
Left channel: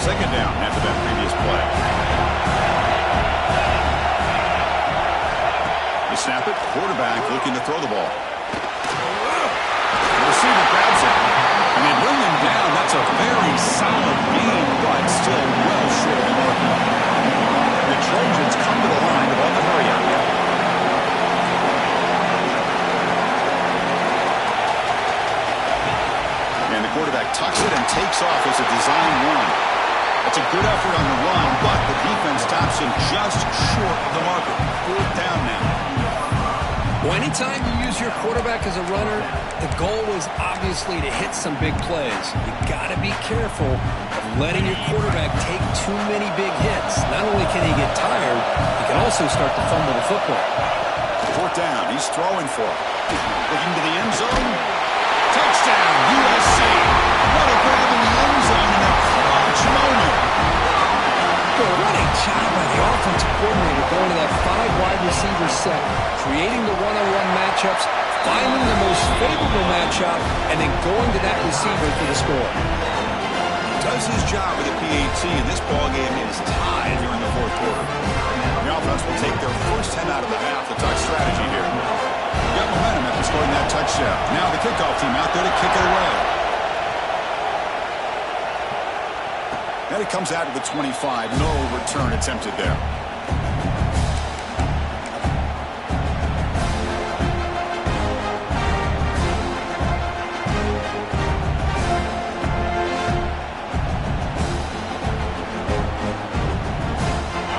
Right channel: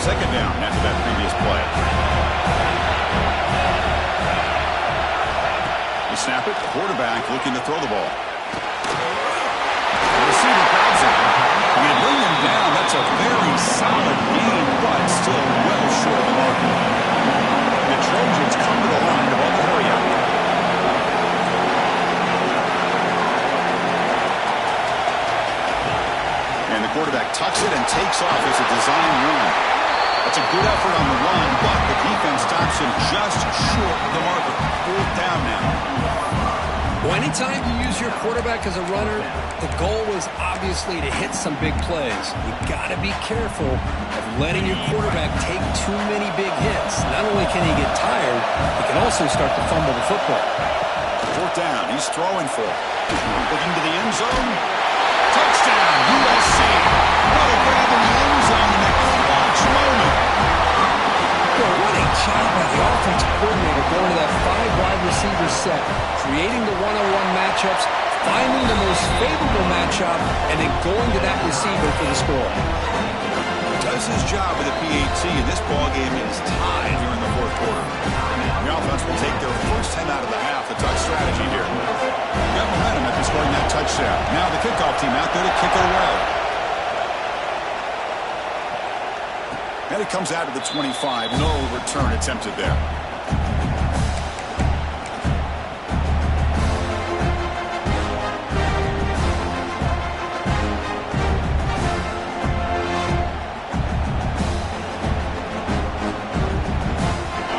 2nd down after that previous play. You snap it. Quarterback looking to throw the ball. The receiver grabs it. And they bring him down. That's a very solid gain, but still well short of the mark. The Trojans come to the line on the hurry up. And the quarterback tucks it and takes off as a design run. That's a good effort on the run, but the defense stops him just short of the marker. 4th down now. Well, anytime you use your quarterback as a runner, the goal is obviously to hit some big plays. You got to be careful of letting your quarterback take too many big hits. Not only can he get tired, he can also start to fumble the football. 4th down, he's throwing for it. Looking to the end zone. Touchdown, USC. What a grab in the end zone in a clutch moment. Well, what a job by the offensive coordinator going to that 5 wide receiver set, creating the one-on-one matchups, finding the most favorable matchup, and then going to that receiver for the score. Does his job with the PAT, and this ballgame is tied here in the 4th quarter. The offense will take their first 10 out of the half. The touch strategy here. Got momentum after scoring that touchdown. Now the kickoff team out there to kick it away. And it comes out to the 25. No return attempted there.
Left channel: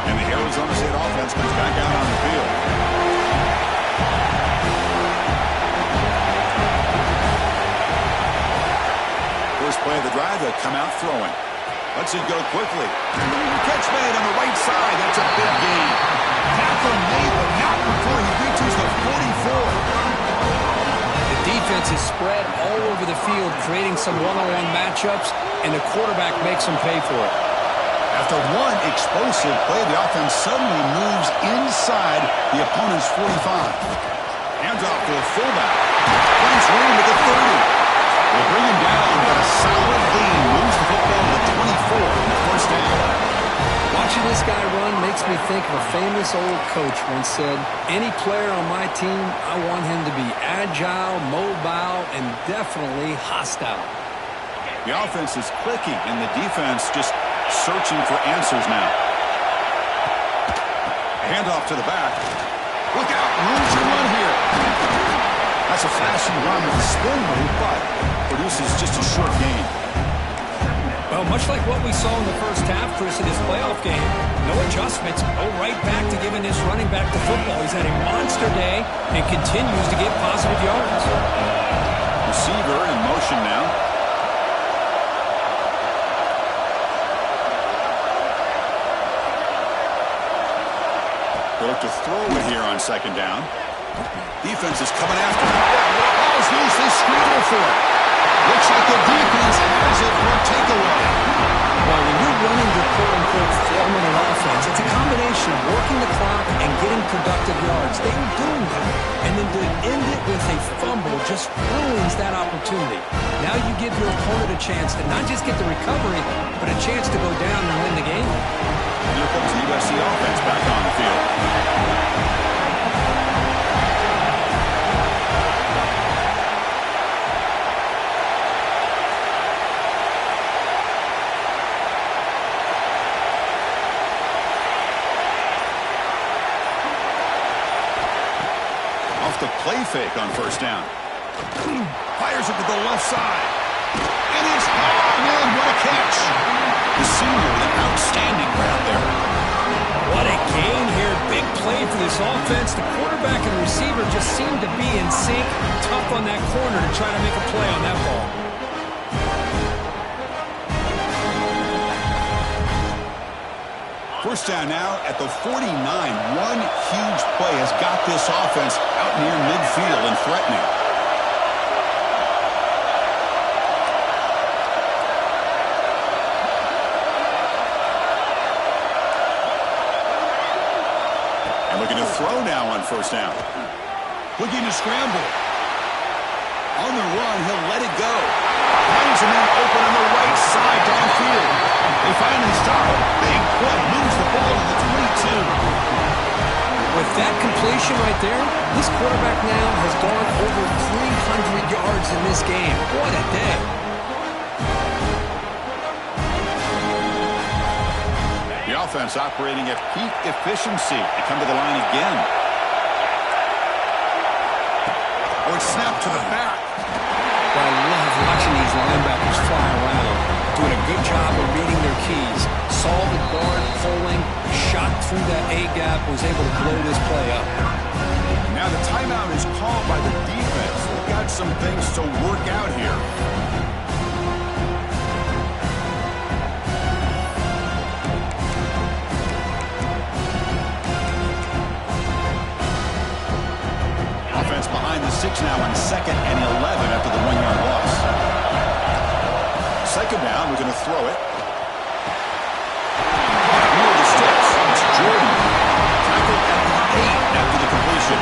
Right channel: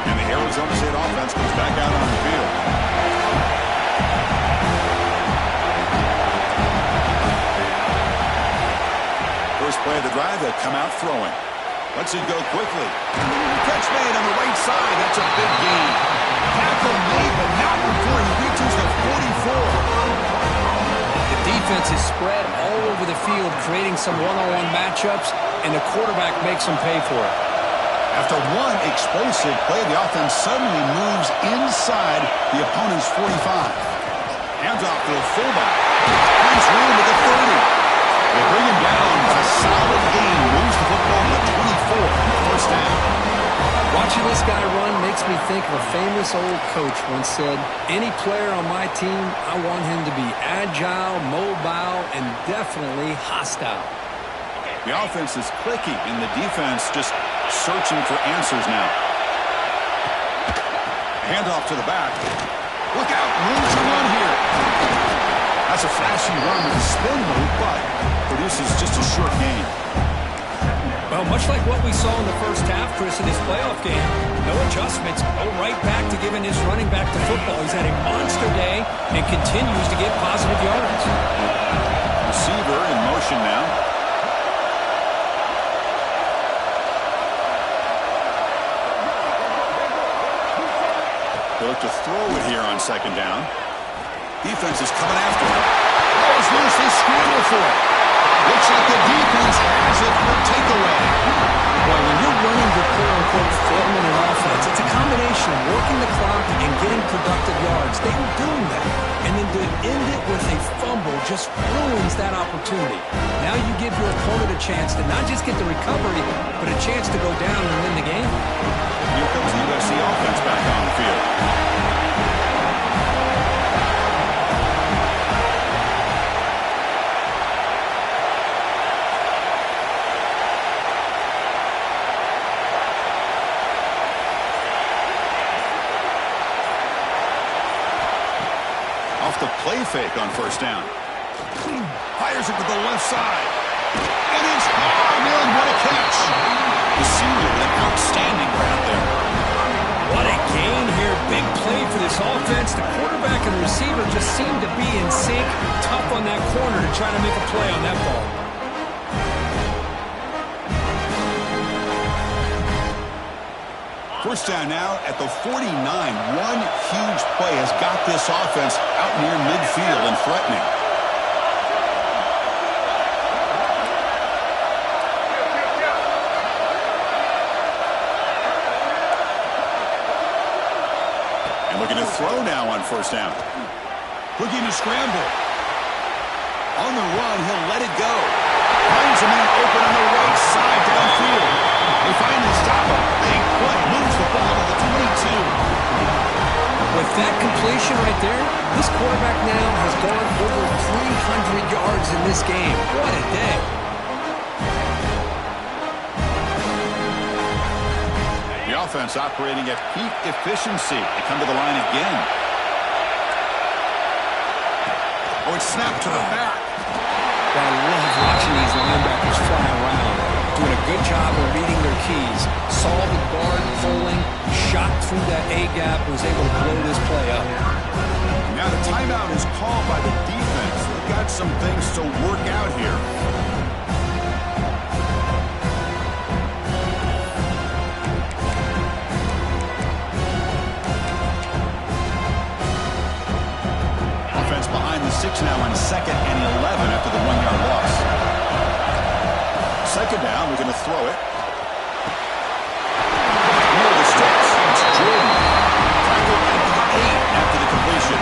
And the Arizona State offense comes back out on the field. First play of the drive, they'll come out throwing. Lets it go quickly. Catch made on the right side. That's a big gain. Tackle made, but not before he reaches the 44. The defense is spread all over the field, creating some one-on-one matchups, and the quarterback makes them pay for it. After one explosive play, the offense suddenly moves inside the opponent's 45. Hands off to the fullback. Finds room at the 30. They bring him down, but a solid gain moves the football to the 24 in the 1st down. Watching this guy run makes me think of a famous old coach once said, any player on my team, I want him to be agile, mobile, and definitely hostile. The offense is clicking, and the defense just searching for answers now. A handoff to the back. Look out, room to run here. That's a flashy run with a spin move, but produces just a short gain. Well, much like what we saw in the first half, Chris, in this playoff game, no adjustments, go right back to giving his running back the football. He's had a monster day and continues to get positive yards. Receiver in motion now. They look to throw it here on 2nd down. Defense is coming after him. Ball is loose. They scramble for it. Looks like the defense has it for a takeaway. Well, when you're running your quote-unquote 4-minute offense, it's a combination of working the clock and getting productive yards. They were doing that. And then to end it with a fumble just ruins that opportunity. Now you give your opponent a chance to not just get the recovery, but a chance to go down and win the game. Here comes the USC offense back on the field. Off the play fake on 1st down. Fires it to the left side. And it's hard in. What a catch. The senior with an outstanding round there. What a gain here. Big play for this offense. The quarterback and receiver just seem to be in sync. Tough on that corner to try to make a play on that ball. First down now at the 49. One huge play has got this offense out near midfield and threatening. And looking to throw now on 1st down. Looking to scramble. On the run, he'll let it go. Finds a man open on the right side downfield. They finally stop him. Big play. Moves the ball to the 22. With that completion right there, this quarterback now has gone over 300 yards in this game. What a day. The offense operating at peak efficiency. They come to the line again. Oh, it's snapped to the back. Well, I love watching these linebackers fly around. doing a good job of reading their keys. Saw the guard pulling, shot through that A-gap, was able to blow this play up. Now the timeout is called by the defense. They've got some things to work out here. Offense behind the 6 now on 2nd and 11 after the 1-yard loss. 2nd down, we're going to throw it. Near the sticks, it's Jordan. Tackled at the 8 after the completion.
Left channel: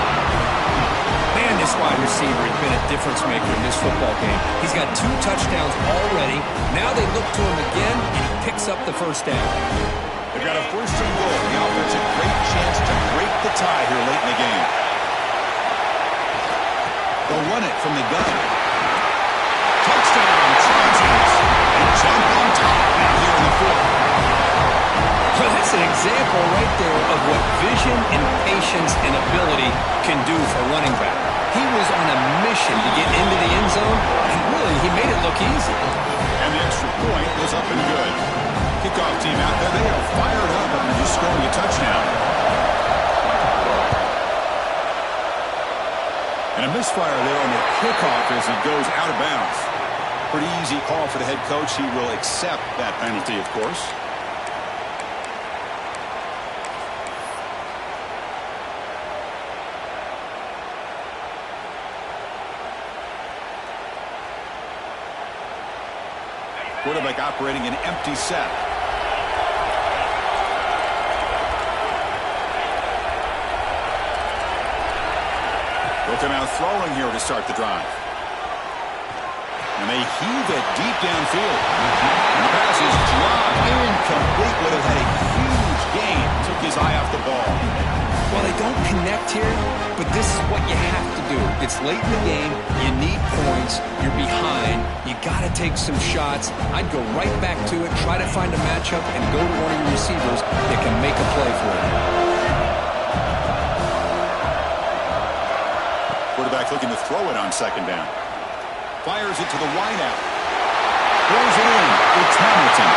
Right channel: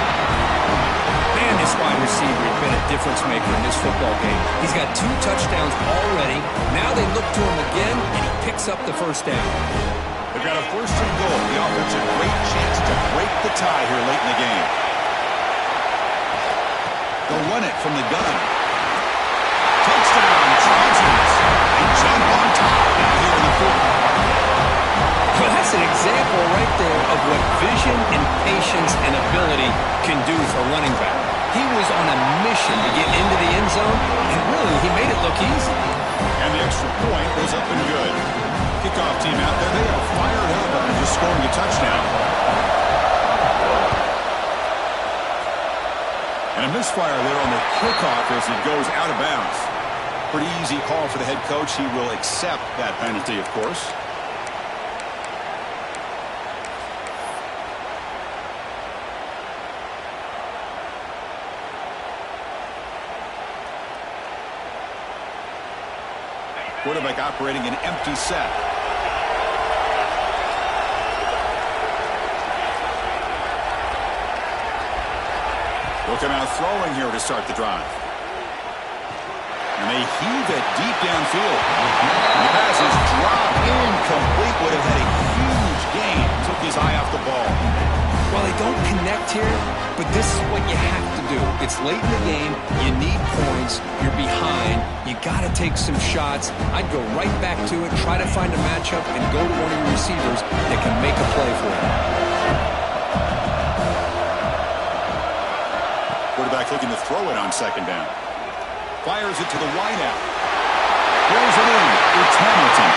Man, this wide receiver has been a difference maker in this football game. He's got 2 touchdowns already. Now they look to him again, and he picks up the first down. They've got a 1st and goal. The offense a great chance to break the tie here late in the game. They'll run it from the gun. Touchdown, Trojans. They jump on top now here in the 4th. Well, that's an example right there of what vision and patience and ability can do for a running back. He was on a mission to get into the end zone, and really, he made it look easy. And the extra point was up and good. Kickoff team out there, they are fired up after just scoring a touchdown. And a misfire there on the kickoff as he goes out of bounds. Pretty easy call for the head coach. He will accept that penalty, of course. Quarterback operating an empty set. They'll come out throwing here to start the drive. And they heave it deep downfield. And the pass is dropped incomplete. Would have had a huge gain. Took his eye off the ball. Well, they don't connect here, but this is what you have to do. It's late in the game. You need points. You're behind. You got to take some shots. I'd go right back to it, try to find a matchup, and go to one of your receivers that can make a play for you. Quarterback looking to throw it on 2nd down. Fires it to the wideout. Throws it in. It's Hamilton.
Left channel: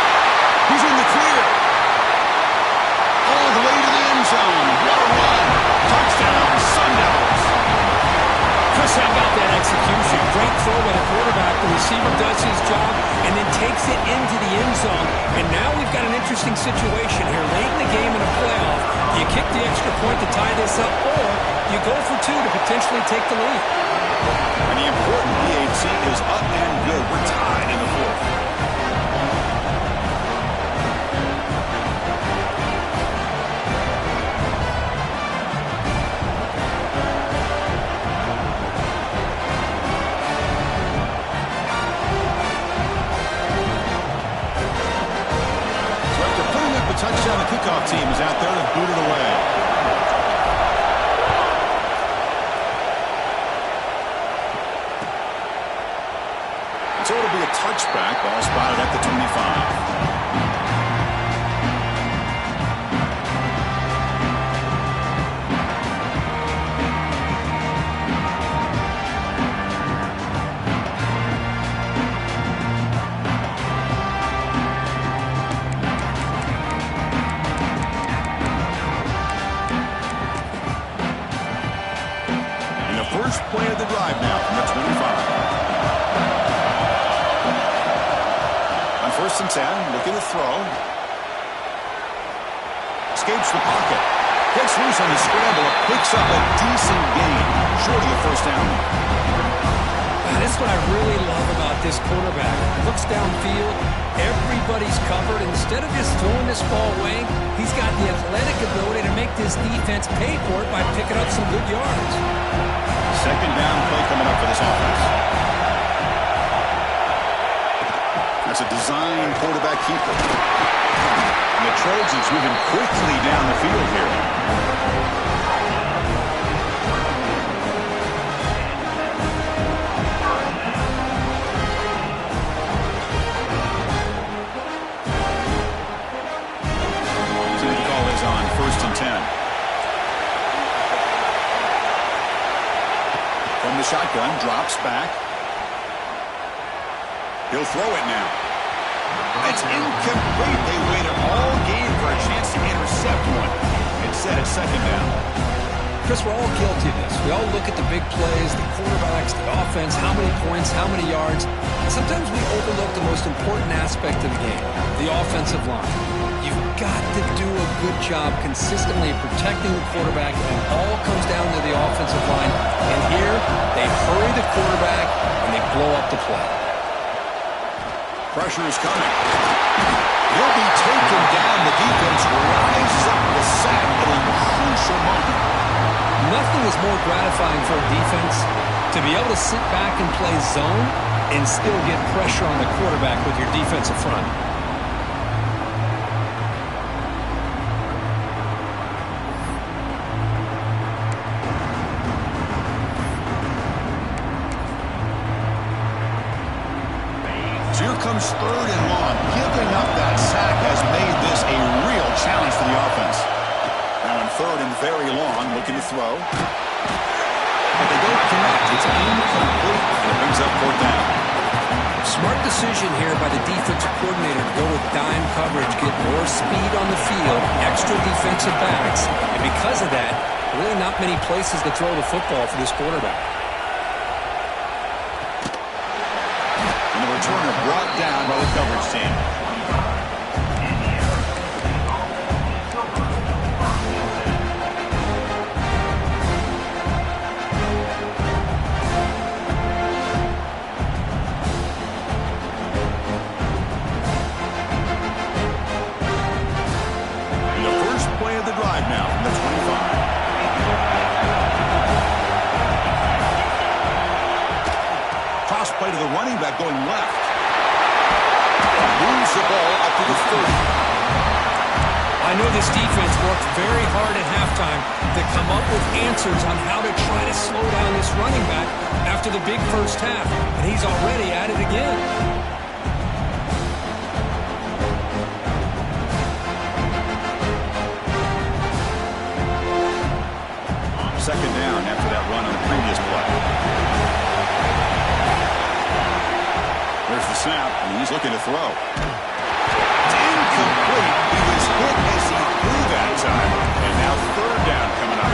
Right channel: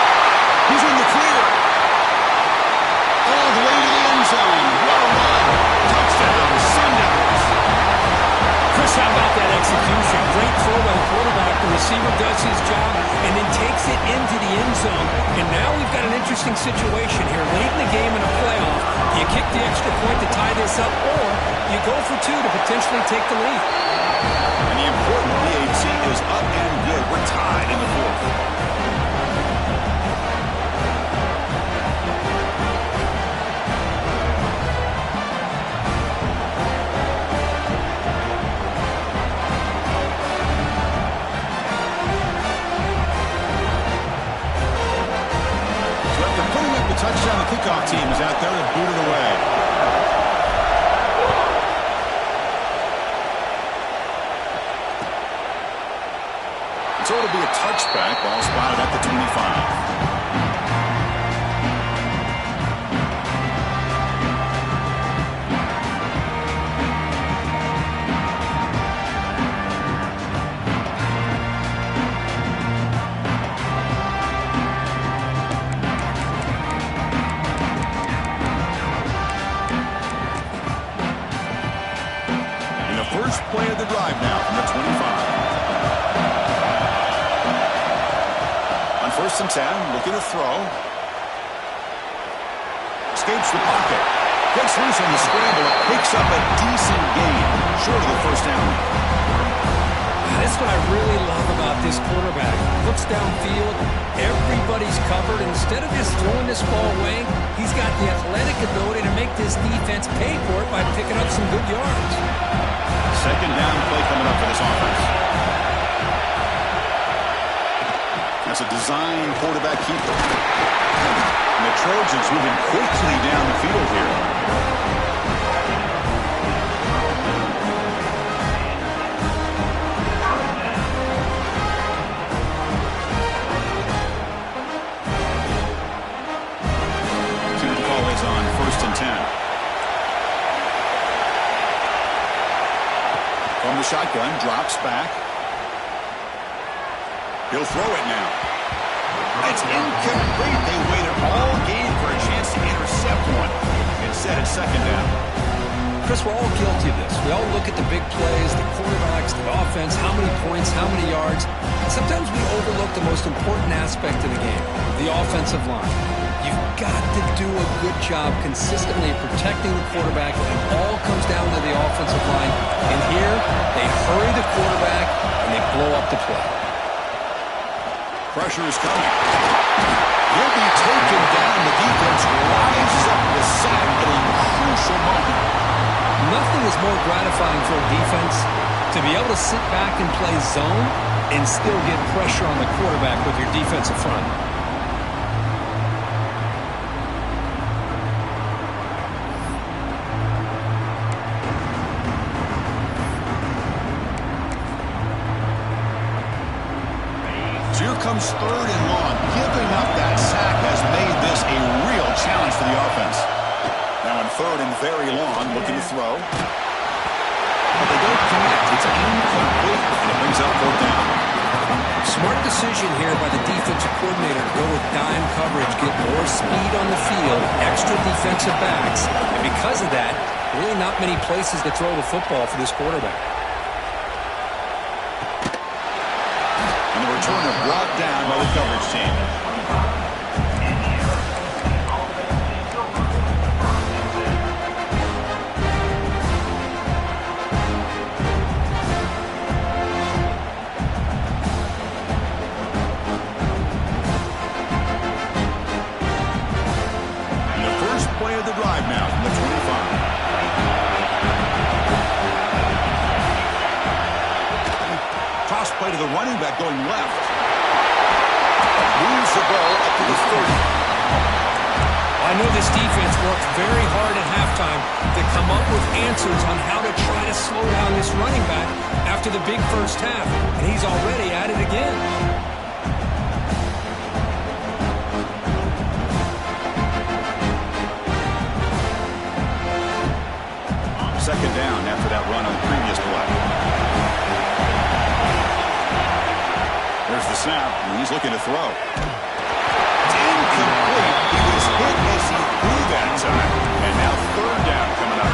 He's in the clear. All the way to the end zone. What a run. Touchdown, Sun Devils. Chris, how about that execution? Great throw by the quarterback. The receiver does his job and then takes it into the end zone. And now we've got an interesting situation here. Late in the game in a playoff, do you kick the extra point to tie this up, or you go for 2 to potentially take the lead? And the important PAT is up and good. We're tied in the 4th. Touchdown, the kickoff team is out there to boot it away. So it'll be a touchback. Ball spotted at the 25. First play of the drive now from the 25. On 1st and 10, looking to throw. Escapes the pocket. Gets loose on the scramble. Picks up a decent gain. Short of the 1st down. That's what I really love about this quarterback. Looks downfield. Everybody's covered. Instead of just throwing this ball away, he's got the athletic ability to make this defense pay for it by picking up some good yards. 2nd down play coming up for this offense. That's a design quarterback keeper. And the Trojans moving quickly down the field here. See what the call is on 1st and 10. From the shotgun, drops back. He'll throw it now. It's incomplete. They waited all game for a chance to intercept one. Instead, it's second down. Chris, we're all guilty of this. We all look at the big plays, the quarterbacks, the offense, how many points, how many yards. And sometimes we overlook the most important aspect of the game, the offensive line. You've got to do a good job consistently protecting the quarterback, and it all comes down to the offensive line. And here, they hurry the quarterback, and they blow up the play. Pressure is coming. He'll be taken down. The defense rises up the sack at a crucial moment. Nothing is more gratifying for a defense to be able to sit back and play zone and still get pressure on the quarterback with your defensive front. So here comes third and long. Giving up that sack has made this a real challenge for the offense. Now on third and very long, looking to throw. But they don't connect. It's incomplete, and it brings up fourth down. Smart decision here by the defensive coordinator to go with dime coverage, get more speed on the field, extra defensive backs, and because of that, really not many places to throw the football for this quarterback. And the returner brought down by the coverage team. Play of the drive now from the 25. Cross play to the running back going left. Moves the ball up to the 30. I know this defense worked very hard at halftime to come up with answers on how to try to slow down this running back after the big first half, and he's already at it again. Second down after that run on the previous play. There's the snap, and he's looking to throw. It's incomplete. He was hit as he threw that time. And now third down coming up.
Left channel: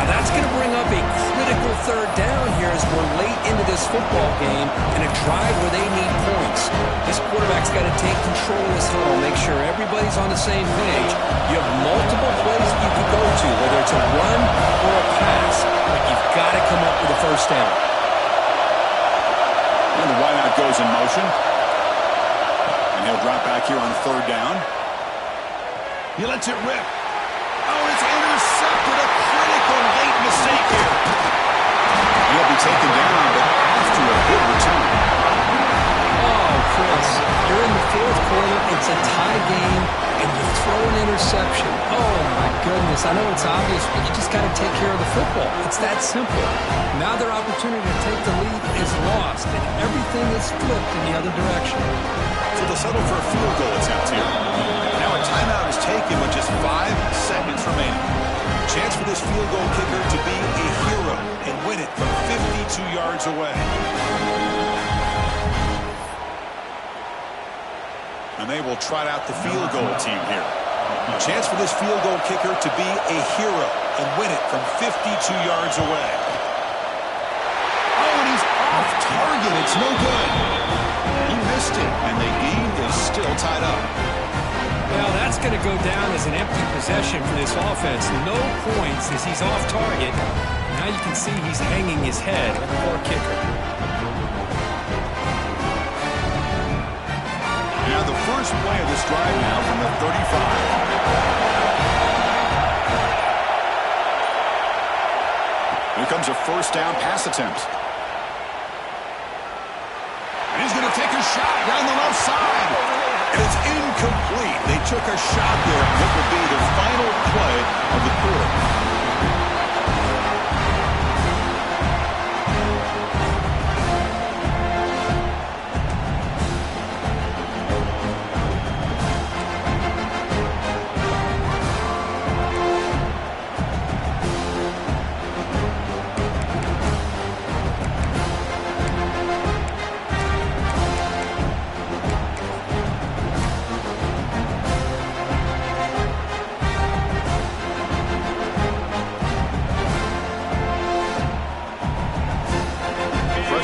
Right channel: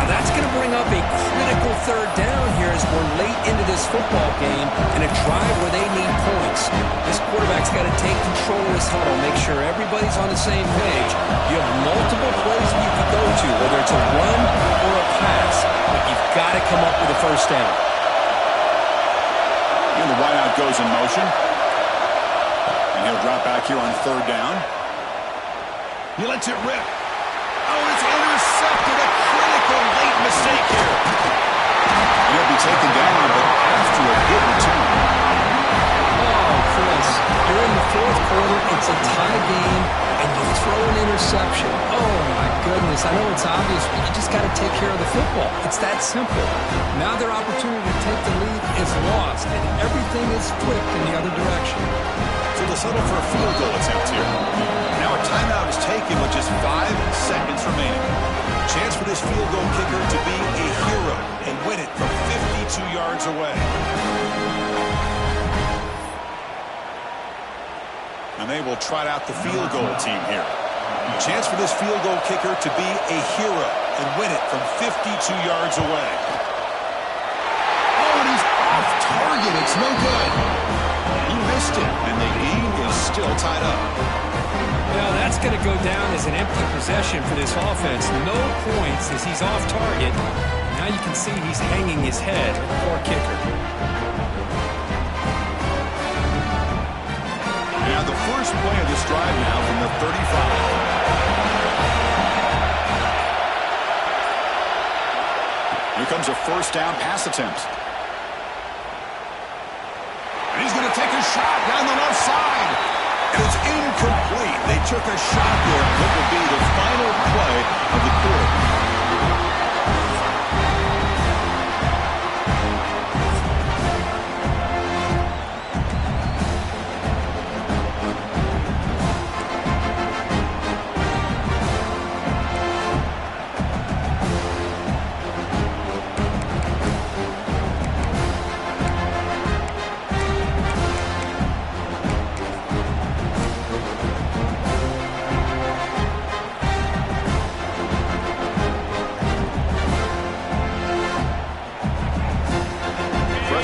Now that's going to bring up a critical third down here as we're late into this football game and a drive where they need points. This quarterback's got to take control of this huddle, make sure everybody's on the same page. You have multiple plays that you could go to, whether it's a run or a pass, but you've got to come up with a first down. And the wideout goes in motion. And he'll drop back here on third down. He lets it rip. Oh, it's intercepted. A critical late mistake here. He'll be taken down, but after a good return. Oh, Chris, you're in the fourth quarter. It's a tie game, and you throw an interception. Oh, my goodness. I know it's obvious, but you just got to take care of the football. It's that simple. Now their opportunity to take the lead is lost, and everything is flipped in the other direction. So they'll settle for a field goal attempt here. Now a timeout is taken with just 5 seconds remaining. Chance for this field goal kicker to be a hero and win it from 52 yards away. And they will trot out the field goal team here. Chance for this field goal kicker to be a hero and win it from 52 yards away. Oh, and he's off target. It's no good. He missed it, and the game is still tied up. Well, that's going to go down as an empty possession for this offense. No points as he's off target. Now you can see he's hanging his head. Poor kicker. Now the first play of this drive now from the 35. Here comes a first down pass attempt. And he's going to take a shot down the left side. And it's incomplete. They took a shot there. What will be the final play of the quarter.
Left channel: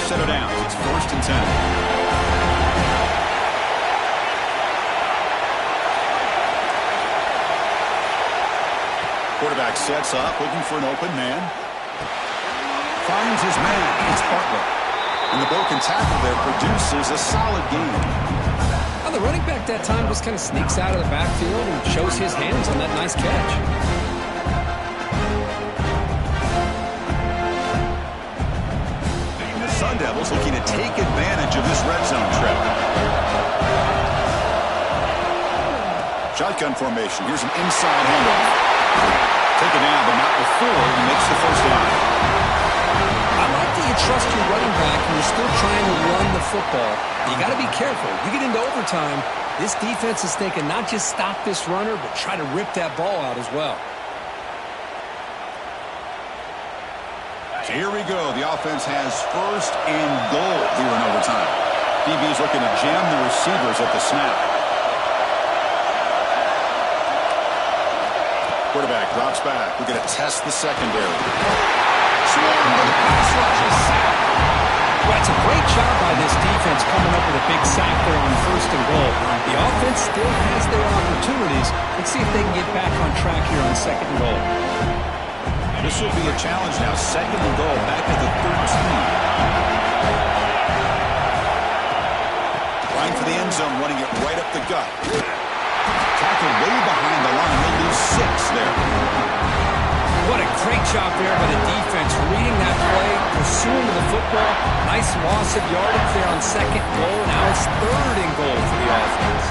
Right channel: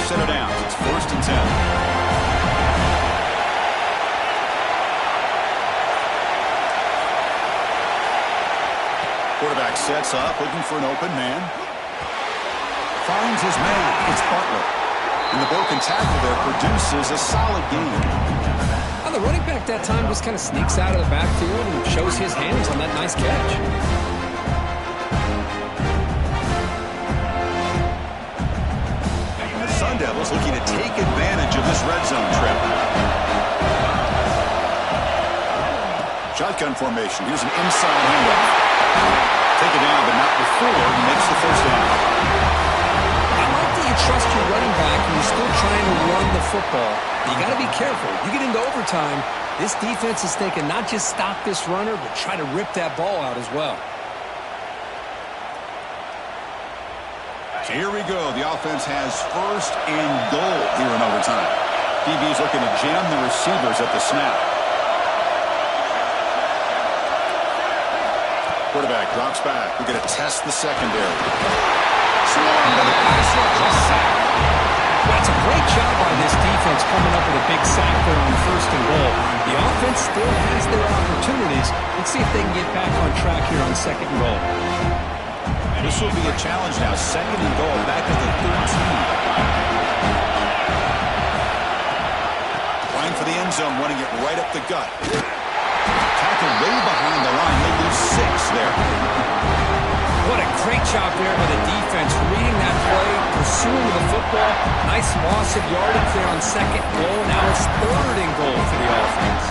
set of downs. It's 1st and 10. Quarterback sets up, looking for an open man. Finds his man. It's Butler. And the broken tackle there produces a solid game. Well, the running back that time just kind of sneaks out of the backfield and shows his hands on that nice catch. And the Sun Devils looking to take advantage of this red zone trip. Shotgun formation. Here's an inside handoff. Take it down, but not before he makes the first down. I like that you trust your running back and you're still trying to run the football. You got to be careful. You get into overtime, this defense is thinking not just stop this runner, but try to rip that ball out as well. So here we go. The offense has 1st and goal here in overtime. DB's looking to jam the receivers at the snap. Quarterback drops back. We're going to test the secondary. Swarmed by the pass rush. A sack. Well, it's a great job by this defense coming up with a big sack there on 1st and goal. The offense still has their opportunities. Let's see if they can get back on track here on 2nd and goal. This will be a challenge now. 2nd and goal, back at the 13. Trying for the end zone, running it right up the gut. Tackled way behind the line. He'll lose 6 there. What a great job there by the defense, reading that play, pursuing the football. Nice loss of yardage there on 2nd goal. Now it's 3rd and goal for the offense.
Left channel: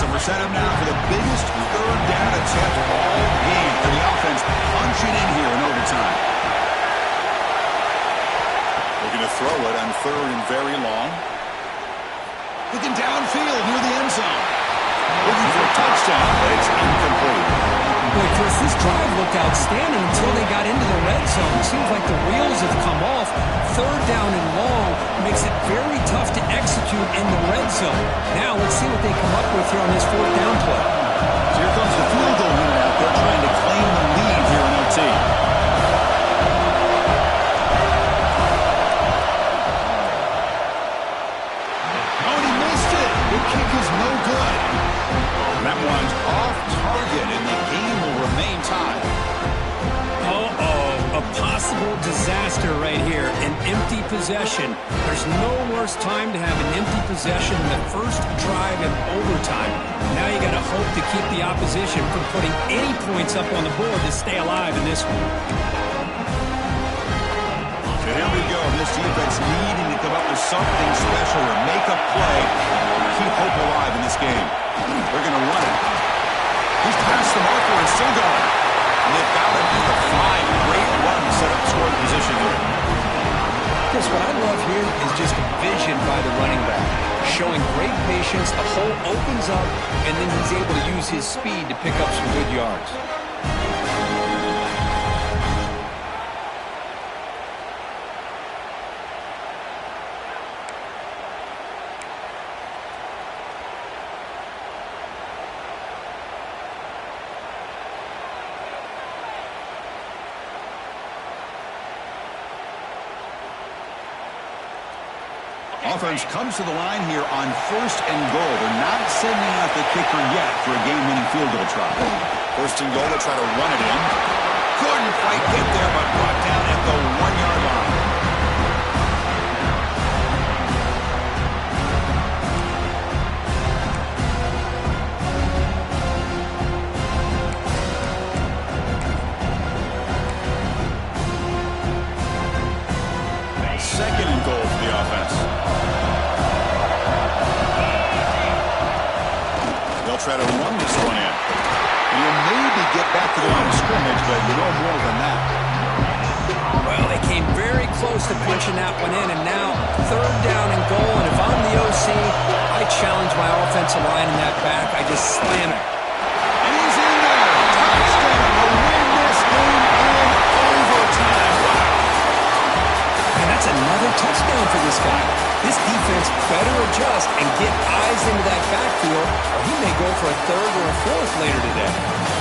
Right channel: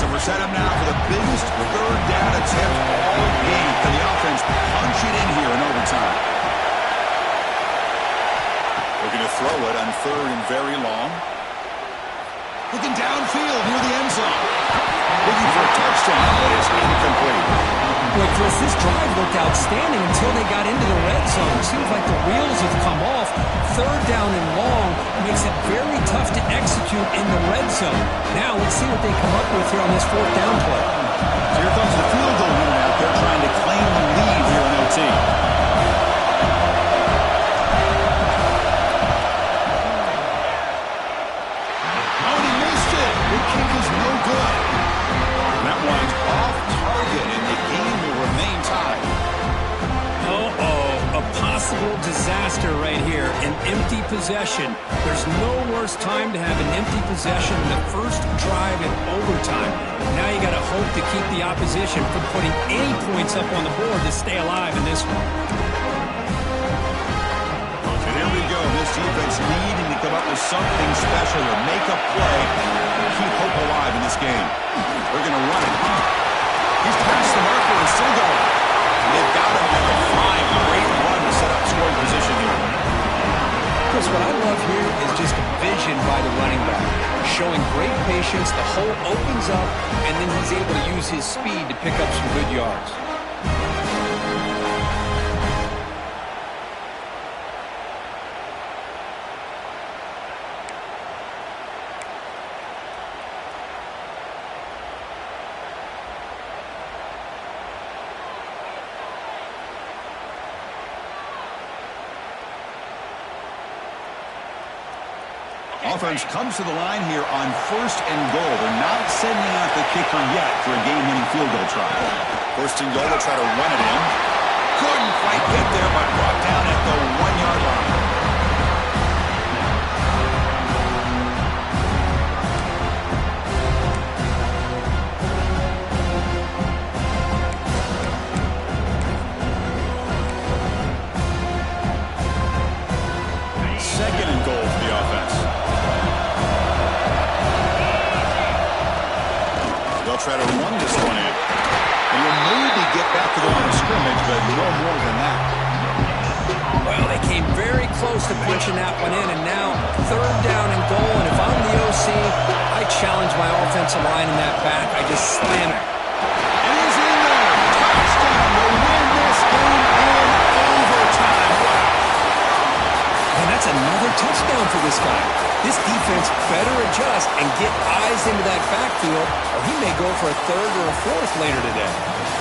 So we're set up now for the biggest 3rd down attempt all game. Can the offense punch it in here in overtime? Looking to throw it on 3rd and very long. Looking downfield near the end zone. Looking for a touchdown, but it's incomplete. Boy, Chris, this drive looked outstanding until they got into the red zone. Seems like the wheels have come off. 3rd down and long makes it very tough to execute in the red zone. Now let's see what they come up with here on this 4th down play. So here comes the field goal unit out there trying to claim the lead here in OT. Kick is no good. And that one's off target, and the game will remain tied. Uh-oh, a possible disaster right here, an empty possession. There's no worse time to have an empty possession than the first drive in overtime. Now you got to hope to keep the opposition from putting any points up on the board to stay alive in this one. And here we go. This defense needing to come up with something special or make a play. Keep hope alive in this game. They're going to run it. He's past the marker and still going. And they've got him at the 5. Great run to set up scoring position here. Chris, what I love here is just a vision by the running back. Showing great patience. The hole opens up, and then he's able to use his speed to pick up some good yards. Offense comes to the line here on 1st and goal. They're not sending out the kicker yet for a game-winning field goal try. 1st and goal, they'll try to run it in. Couldn't quite get there, but brought down at the 1-yard line. Second and goal for the offense. They'll try to run this one in. And you'll maybe get back to the line of scrimmage, but no more than that. Well, they came very close to punching that one in, and now 3rd down and goal. And if I'm the OC, I challenge my offensive line in that back. I just slam it. And he's in there. Touchdown to win this game in overtime. Wow. And That's another touchdown for this guy. This defense better adjust and get eyes into that backfield, or he may go for a third or a fourth later today.